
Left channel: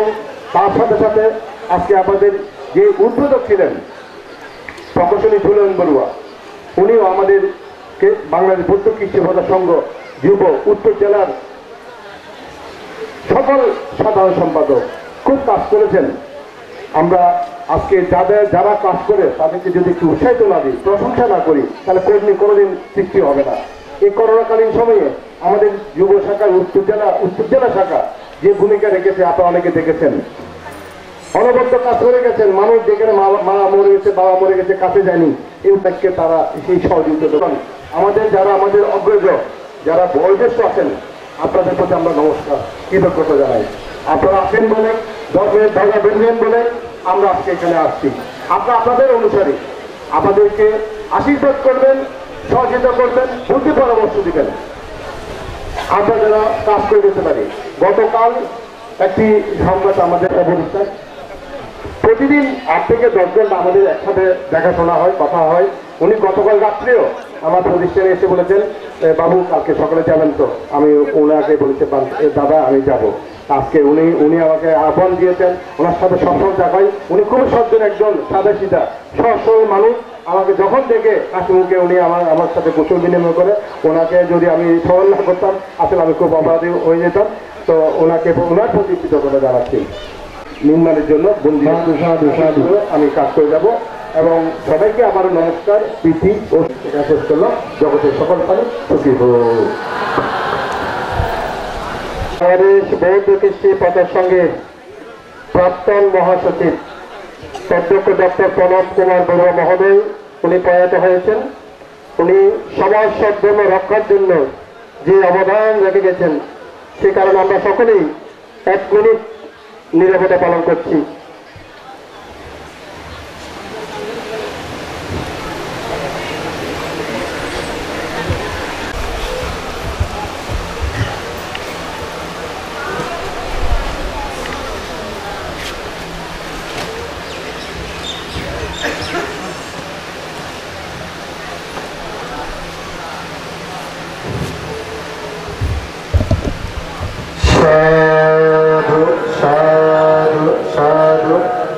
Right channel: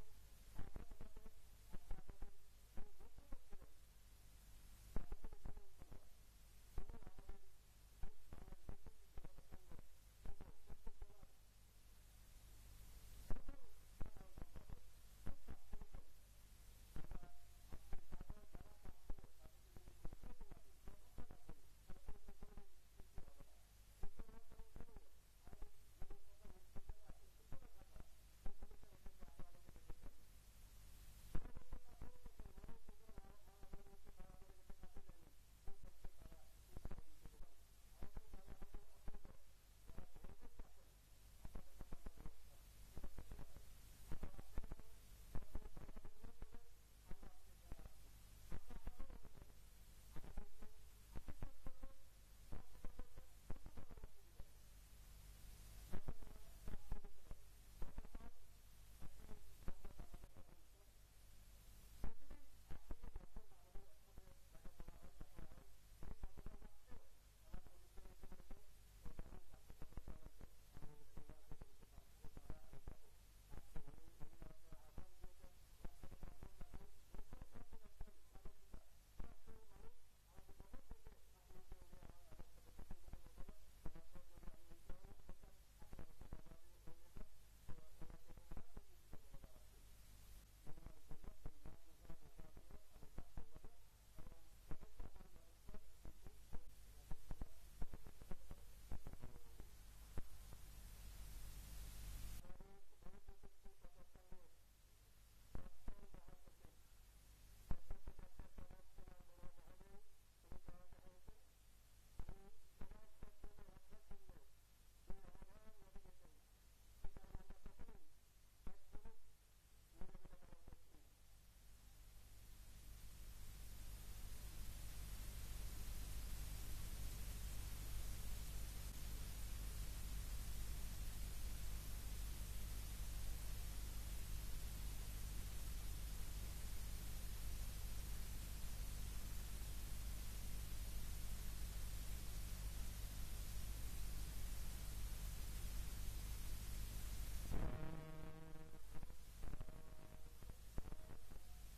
তার সাথে সাথে আজকে আমাদের যে উদ্বোধক ছিলেন প্রকৌশলী ঝুলন বড়ুয়া, উনিও আমাদেরকে বাংলাদেশ বৌদ্ধ কৃষি সংঘ যুব উত্তর জেলার সকল সাধারণ সম্পাদক খুব কাজ করেছেন। আমরা আজকে যারা কাজ করে তাদেরকে যদি একটু উৎসাহিত না দিই, প্রশংসা না করি, তাহলে কর্মী কোনোদিন সৃষ্টি হবে না। এই করোনাকালীন সময়ে আমাদের যুব শাখা উত্তর জেলা শাখা যে ভূমিকা রেখেছে আপনারা অনেকে দেখেছেন, অনবদ্য কাজ করে গেছেন। মানুষ যেখানে মা মরে গেছে, বাবা মরে গেছে, কাছে যায়নি, এই উদ্যোগকে তারা সেই সহযোগিতা দেবেন। আমাদের অগ্রজ যারা বয়োজ্যেষ্ঠ আছেন, আপনাদের প্রতি আমরা নমস্কার কৃতজ্ঞতা জানাই। আপনারা আসেন বলে, ধর্মের ধারা বেরবেন বলে আমরা আজকে এখানে আসছি। আপনাদের অনুসারী আমাদেরকে আশীর্বাদ করবেন, সহযোগিতা করবেন, বুদ্ধি পরামর্শ দিবেন, আমরা যারা কাজ করে যেতে পারি। গতকাল একটি সংবাদ আমাদের অবস্থান, প্রতিদিন 8 থেকে 10 ঘন্টা আমাদের একসাথে দেখাশোনা হয়, কথা হয়। উনি গতকাল রাত্রেও আমার প্রতিষ্ঠানে এসে বলেছেন, বাবু কালকে সকালে যাবেন তো? আমি ওনাকে বলেছি, দাদা আমি যাব। আজকে উনি আমাকে আহ্বান দিয়েছেন, ওনার সাথে সবসময় দেখাই। উনি খুবই সজ্জন একজন সাদা সিধা সহজ মানুষ। আমাকে যখন দেখে হাসি মুখে উনি আমার সাথে কুশল বিনিময় করে। ওনাকে যদি আমি স্মরণ না করতাম আসলে আমি খুব অপরাধী হয়ে যেতাম। তো ওনার প্রতি কৃতজ্ঞতা জানাচ্ছি। নির্মাণের জন্য আমি কাজ করে যাব। এবং সবাইকে আমার নমস্কার, প্রীতি ও শেষ করলাম। জগতের সকল পানি সুখী হোক। বাংলাদেশ বৌদ্ধ কৃষি প্রচার সঙ্গের প্রাক্তন মহাসচিব অধ্যক্ষ ডক্টর প্রণব কুমার বড়ুয়া মহোদয়, উনি প্রয়াত হয়েছেন। উনি সমাজ সদ্ধর্ম রক্ষার জন্য যে অবদান রেখে গেছেন, সে কারণে আমরা সকলেই 1 মিনিট নীরবতা পালন করছি।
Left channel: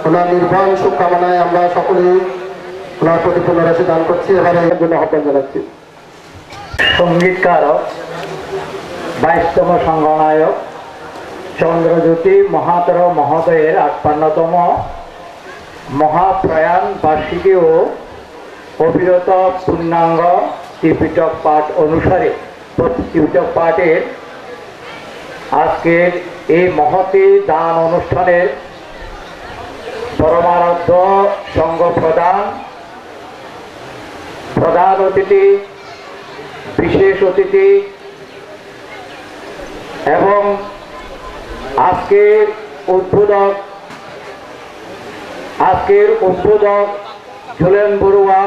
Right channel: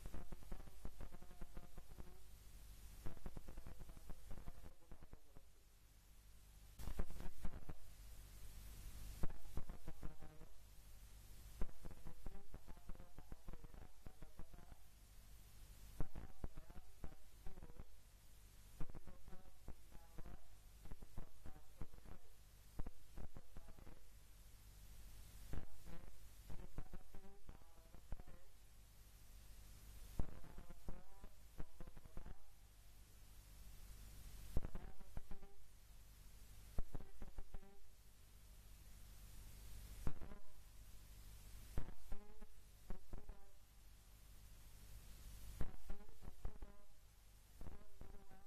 ওনার নির্বাণ শুভকামনায় আমরা সকলেই ওনার প্রতি পুনরাশি দান করছি। এবারে এর জন্য আহ্বান জানাচ্ছি। সঙ্গীতকারক 22তম সংঘনায়ক চন্দ্রজ্যোতি মহাতর মহোদয়ের 58তম মহাপ্রয়াণ বার্ষিকী ও অবিরত পূর্ণাঙ্গ ত্রিপিটক পাঠ অনুসারে ত্রিপিটক পাঠের আজকের এই মহতী দান অনুষ্ঠানের পরমারাধ্য সংঘ প্রধান অতিথি, বিশেষ অতিথি এবং আজকের উদ্বোধক ঝুলন বড়ুয়া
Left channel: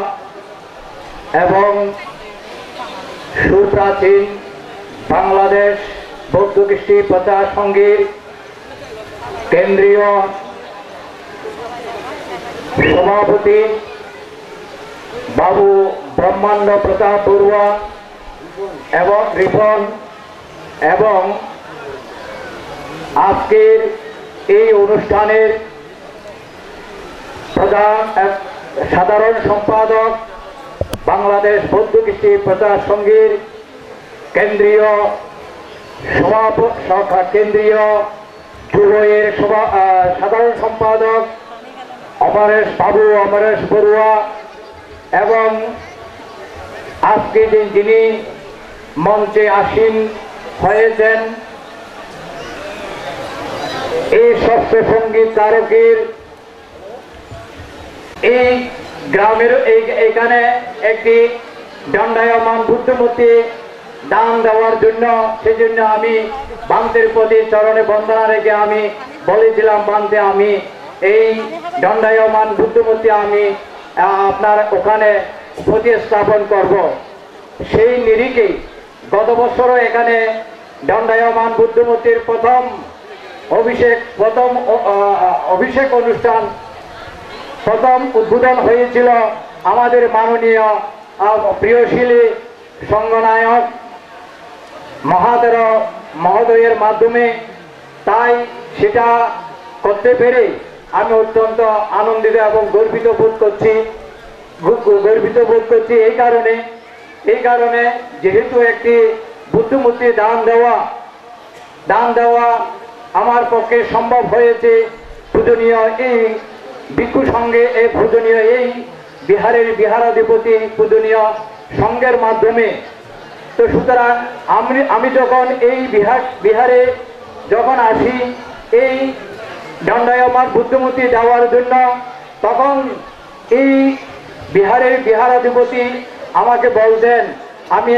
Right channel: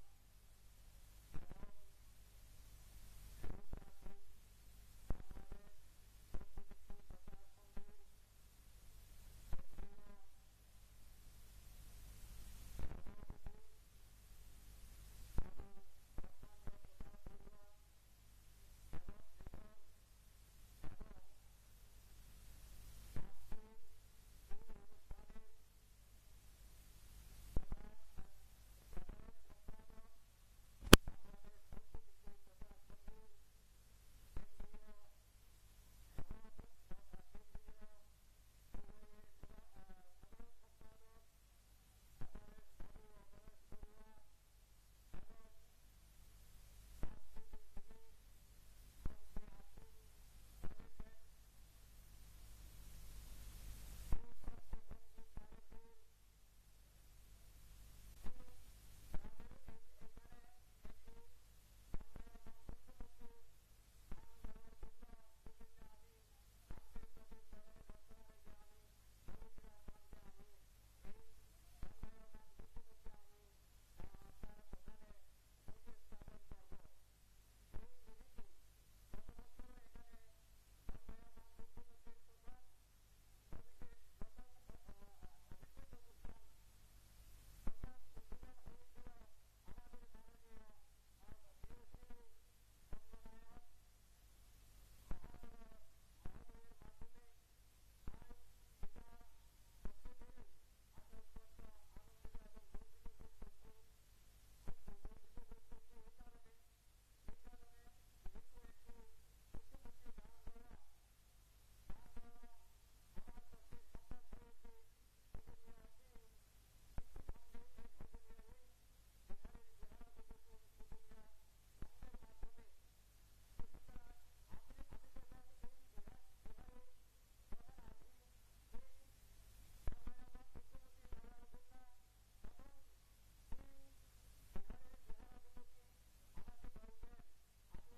এবং সুপ্রাচীন বাংলাদেশ বৌদ্ধ কৃষ্টি প্রচার সংঘের কেন্দ্রীয় সভাপতি বাবু ব্রহ্মাণ্ড প্রতাপ বড়ুয়া এবং রিপন এবং আজকের এই অনুষ্ঠানের প্রধান সাধারণ সম্পাদক বাংলাদেশ বৌদ্ধ কৃষ্টি প্রচার সংঘের কেন্দ্রীয় কেন্দ্রীয় যুবয়ের সাধারণ সম্পাদক অমরেশ বড়ুয়া এবং আজকে যিনি মঞ্চে আসীন হয়েছেন এই শাস্ত্র সঙ্গীত তারকের এই গ্রামের এইখানে একটি দণ্ডায়মান বুদ্ধমূর্তি দান দেওয়ার জন্য সেজন্য আমি বান্তের প্রতি চরণে বন্দনা রেখে আমি বলেছিলাম বান্তে আমি এই দণ্ডায়মান বুদ্ধমূর্তি আমি আপনার ওখানে প্রতিস্থাপন করব। সেই নিরিখে গত বছরও এখানে দণ্ডায়মান বুদ্ধমূর্তির প্রথম অভিষেক অনুষ্ঠান প্রথম উদ্বোধন হয়েছিল আমাদের মাননীয় প্রিয়শীলী সংঘনায়ক মহোদয়ের মাধ্যমে। তাই সেটা করতে পেরে আমি অত্যন্ত আনন্দিত এবং গর্বিত বোধ করছি এই কারণে যেহেতু একটি বুদ্ধমূর্তি দান দেওয়া আমার পক্ষে সম্ভব হয়েছে পূজনীয় এই ভিক্ষু সঙ্গে এই পূজনীয় এই বিহারাধিপতি পূজনীয় সঙ্গের মাধ্যমে। তো সুতরাং আমি যখন এই বিহারে যখন আসি এই দণ্ডায়মান বুদ্ধমূর্তি দেওয়ার জন্য, তখন এই বিহারাধিপতি আমাকে বলতেন আমি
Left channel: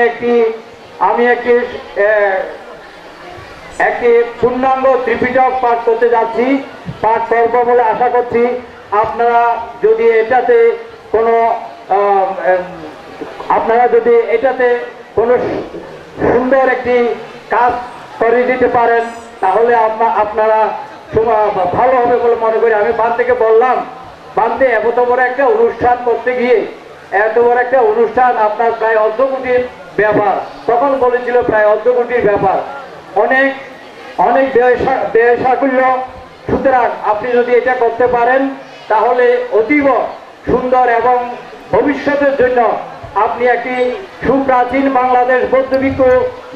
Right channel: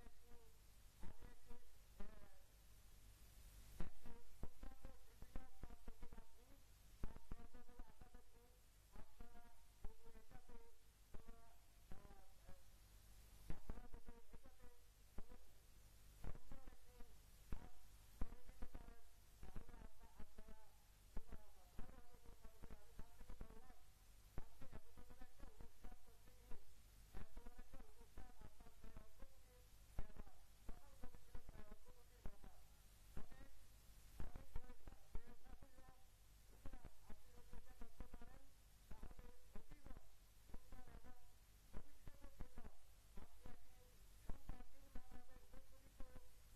একটি পূর্ণাঙ্গ ত্রিপিটক পাঠ করতে যাচ্ছি, পাঠ করব বলে আশা করছি। আপনারা যদি এটাতে কোনো সুন্দর একটি কাজ করে দিতে পারেন তাহলে আপনারা ভালো হবে বলে মনে করি। আমি বান থেকে বললাম, বানতে এত বড় একটা অনুষ্ঠান করতে গিয়ে আপনার প্রায় ১.৫ কোটির ব্যাপার, তখন বলেছিল প্রায় ১.৫ কোটির ব্যাপার, অনেক ব্যয়সাকুল্য। সুতরাং আপনি যদি এটা করতে পারেন তাহলে অতীব সুন্দর এবং ভবিষ্যতের জন্য আপনি একটি সুপ্রাচীন বাংলাদেশ বৌদ্ধ ভিক্ষু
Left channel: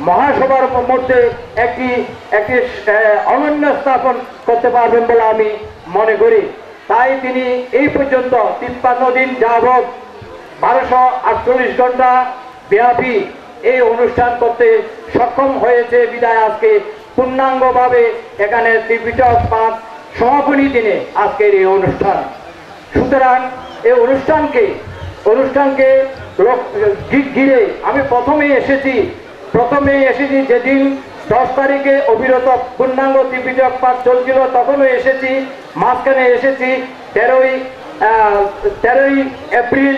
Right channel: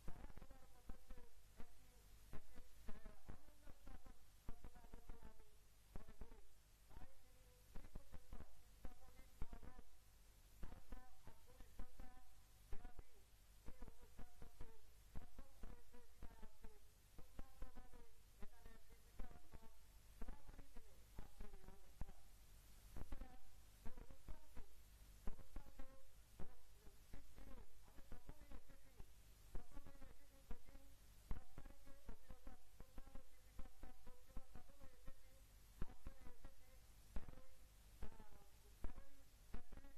মহাসভার মধ্যে একটি অনন্য স্থাপন করতে পারবেন বলে আমি মনে করি। তাই তিনি এই পর্যন্ত ৫৩ দিন যাবৎ ১২৪৮ ঘন্টা ব্যাপী এই অনুষ্ঠান করতে সক্ষম হয়েছে বিদায় আজকে পূর্ণাঙ্গভাবে এখানে ত্রিপিটক পাঠ সমাপনী দিনে আজকের এই অনুষ্ঠান। সুতরাং এই অনুষ্ঠানকে ঘিরে আমি প্রথমেই এসেছি যেদিন 10 তারিখে অবিরত পূর্ণাঙ্গ ত্রিপিটক পাঠ চলছিল, তখনও এসেছি। মাঝখানে এসেছি 13ই এপ্রিল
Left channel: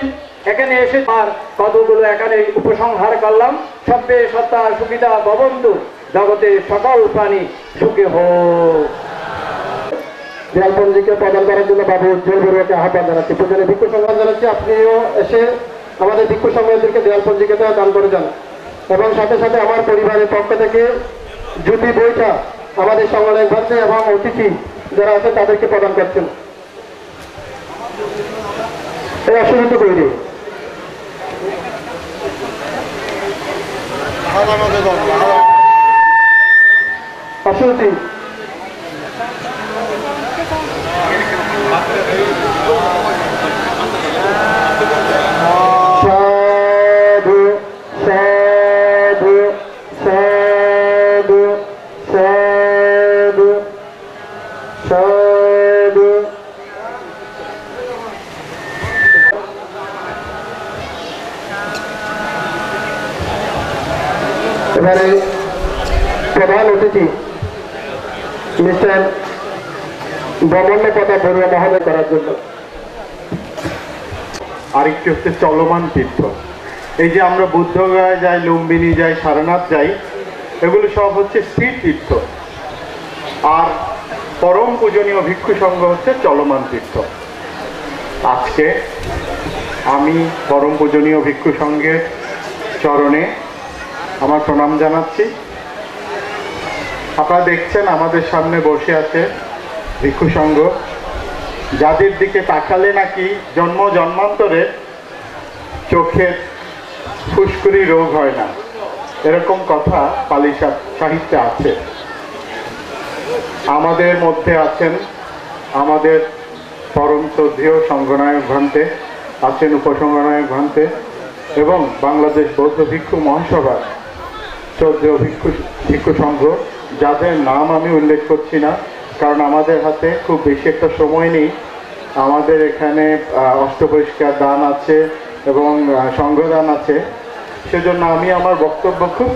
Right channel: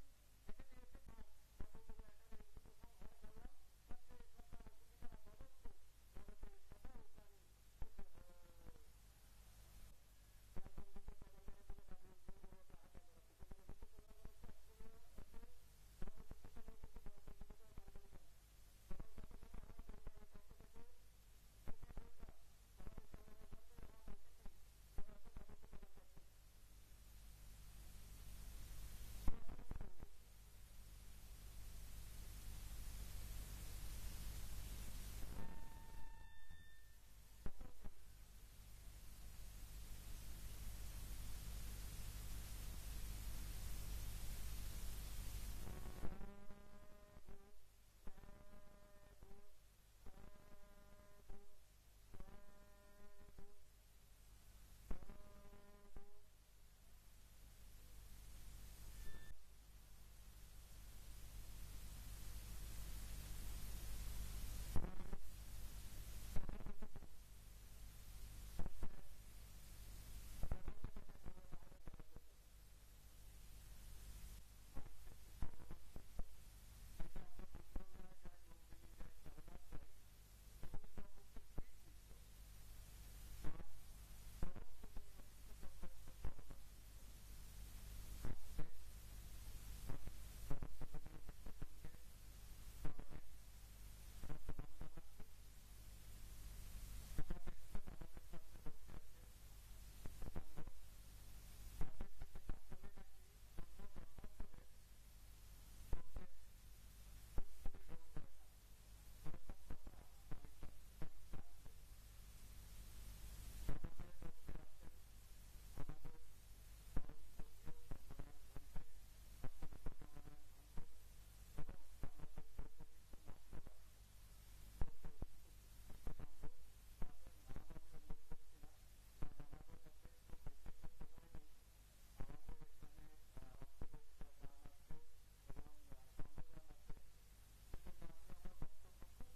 এখানে এসে আর কতগুলো এখানে উপসংহার করলাম। সব্যে সত্তা সুবিধা ভবন্তু, জগতে সকল প্রাণী সুখে হোক। দেয়ালপঞ্জিকে প্রদান করার জন্য বাবু উজ্জ্বল বড়ুয়াকে আহ্বান জানাচ্ছি। প্রয়োজনে ভিক্ষু সংবাদ জানাচ্ছি, আপনিও এসে আমাদের ভিক্ষু সংবাদদেরকে দেয়ালপঞ্জিকেটা দান করে যান। এবং সাথে সাথে আমার পরিবারের পক্ষ থেকে জুতি বইটা আমাদের সংগ্রামী ভাষা এবং অতিথি যারা আছে তাদেরকে প্রদান করছেন। এই অসুবিধা তৈরি অসুবিধি এবারে প্রধান অতিথি মিস্টার ব্রহ্মাণ্ড প্রতাপ বড়ুয়া মহোদয় করার জন্য। আরেকটি হচ্ছে চলমান তীর্থ। এই যে আমরা বুদ্ধগয়া যাই, লুম্বিনী যাই, সারনাথ যাই, এগুলো সব হচ্ছে স্থির তীর্থ, আর পরম পূজনীয় ভিক্ষু সংঘ হচ্ছে চলমান তীর্থ। আজকে আমি পরম পূজনীয় ভিক্ষু সংঘের চরণে আমার প্রণাম জানাচ্ছি। আপনারা দেখছেন আমাদের সামনে বসে আছে ভিক্ষু সংঘ, যাদের দিকে তাকালে নাকি জন্ম জন্মান্তরে চোখের ফুসকুড়ি রোগ হয় না, এরকম কথা পালি সাহিত্যে আছে। আমাদের মধ্যে আছেন আমাদের পরম শ্রদ্ধেয় সংঘনায়ক ভান্তে, আছেন উপসংঘনায়ক ভান্তে এবং বাংলাদেশ বৌদ্ধ ভিক্ষু মহাসভার শ্রদ্ধেয় ভিক্ষু সংঘ, যাদের নাম আমি উল্লেখ করছি না কারণ আমাদের হাতে খুব বেশি একটা সময় নেই। আমাদের এখানে অষ্টপরিষ্কার দান আছে এবং সংঘদান আছে, সেজন্য আমি আমার বক্তব্য খুব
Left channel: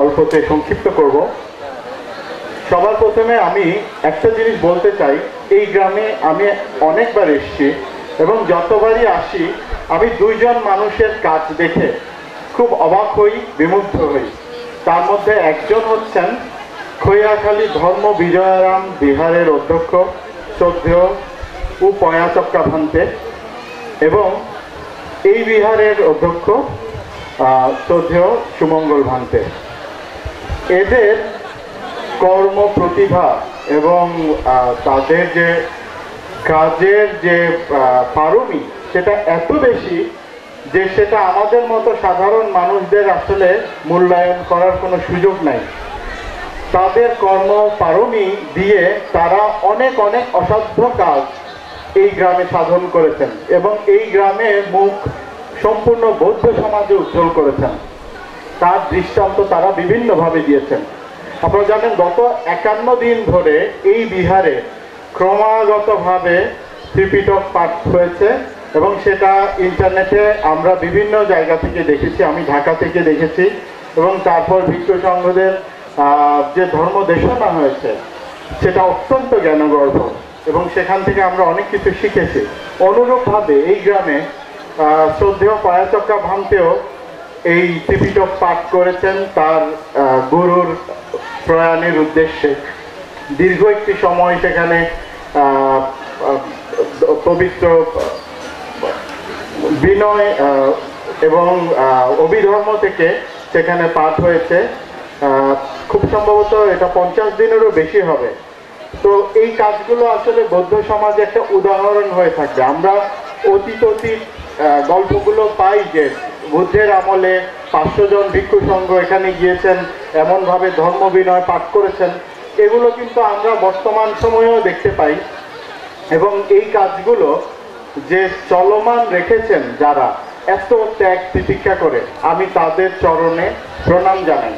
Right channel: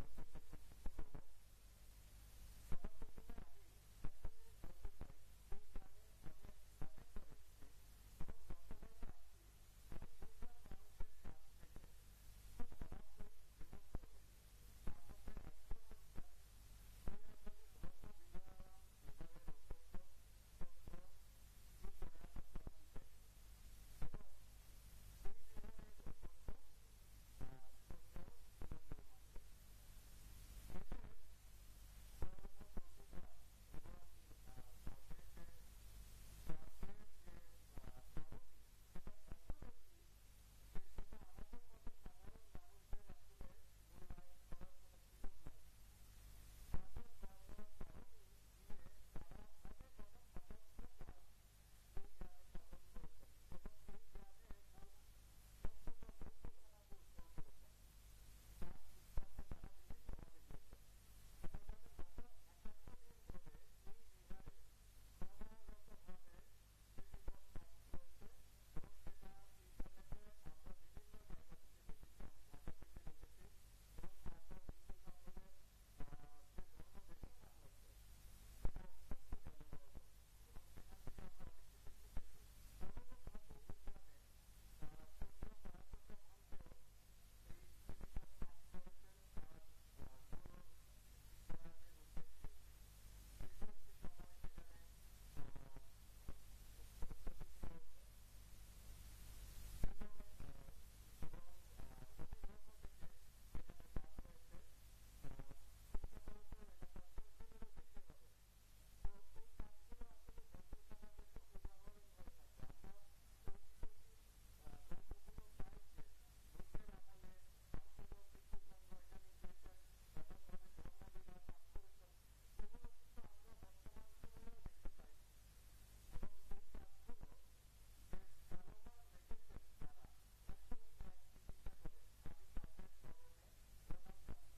অল্পতে সংক্ষিপ্ত করব। সবার প্রথমে আমি একটা জিনিস বলতে চাই, এই গ্রামে আমি অনেকবার এসেছি এবং যতবারই আসি আমি দুইজন মানুষের কাজ দেখে খুব অবাক হই, বিমুগ্ধ হই। তার মধ্যে একজন হচ্ছেন খৈয়াখালী ধর্ম বিজয়ারাম বিহারের অধ্যক্ষ শ্রদ্ধেয় উপয়া চক্কা ভান্তে এবং এই বিহারের অধ্যক্ষ শ্রদ্ধেয় সুমঙ্গল ভান্তে। এদের কর্ম প্রতিভা এবং তাদের যে কাজের যে পারমি সেটা এত বেশি যে সেটা আমাদের মতো সাধারণ মানুষদের আসলে মূল্যায়ন করার কোনো সুযোগ নাই। তাদের কর্ম পারমি দিয়ে তারা অনেক অনেক অসাধ্য কাজ এই গ্রামে সাধন করেছেন এবং এই গ্রামে মুখ সম্পূর্ণ বৌদ্ধ সমাজে উজ্জ্বল করেছেন। তার দৃষ্টান্ত তারা বিভিন্নভাবে দিয়েছেন। আপনারা জানেন গত 51 দিন ধরে এই বিহারে ক্রমাগতভাবে ত্রিপিটক পাঠ হয়েছে এবং সেটা ইন্টারনেটে আমরা বিভিন্ন জায়গা থেকে দেখেছি। আমি ঢাকা থেকে দেখেছি এবং তারপর ভিক্ষু সংঘদের যে ধর্ম দেশনা হয়েছে সেটা অত্যন্ত জ্ঞানগর্ভ এবং সেখান থেকে আমরা অনেক কিছু শিখেছি। অনুরূপভাবে এই গ্রামে শ্রদ্ধেয় পায়াচক্কা ভান্তেও এই ত্রিপিটক পাঠ করেছেন তার গুরুর প্রয়াণের উদ্দেশ্যে। দীর্ঘ একটি সময় সেখানে পবিত্র বিনয় এবং অভিধর্ম থেকে সেখানে পাঠ হয়েছে। খুব সম্ভবত এটা 50 দিনেরও বেশি হবে। তো এই কাজগুলো আসলে বৌদ্ধ সমাজে একটা উদাহরণ হয়ে থাকবে। আমরা অতীত গল্পগুলো পাই যে বুদ্ধের আমলে 500 জন ভিক্ষু সংঘ এখানে গিয়েছেন, এমনভাবে ধর্ম বিনয় পাঠ করেছেন। এগুলো কিন্তু আমরা বর্তমান সময়েও দেখতে পাই এবং এই কাজগুলো যে চলমান রেখেছেন যারা এত ত্যাগ তিতিক্ষা করে, আমি তাদের চরণে প্রণাম জানাই।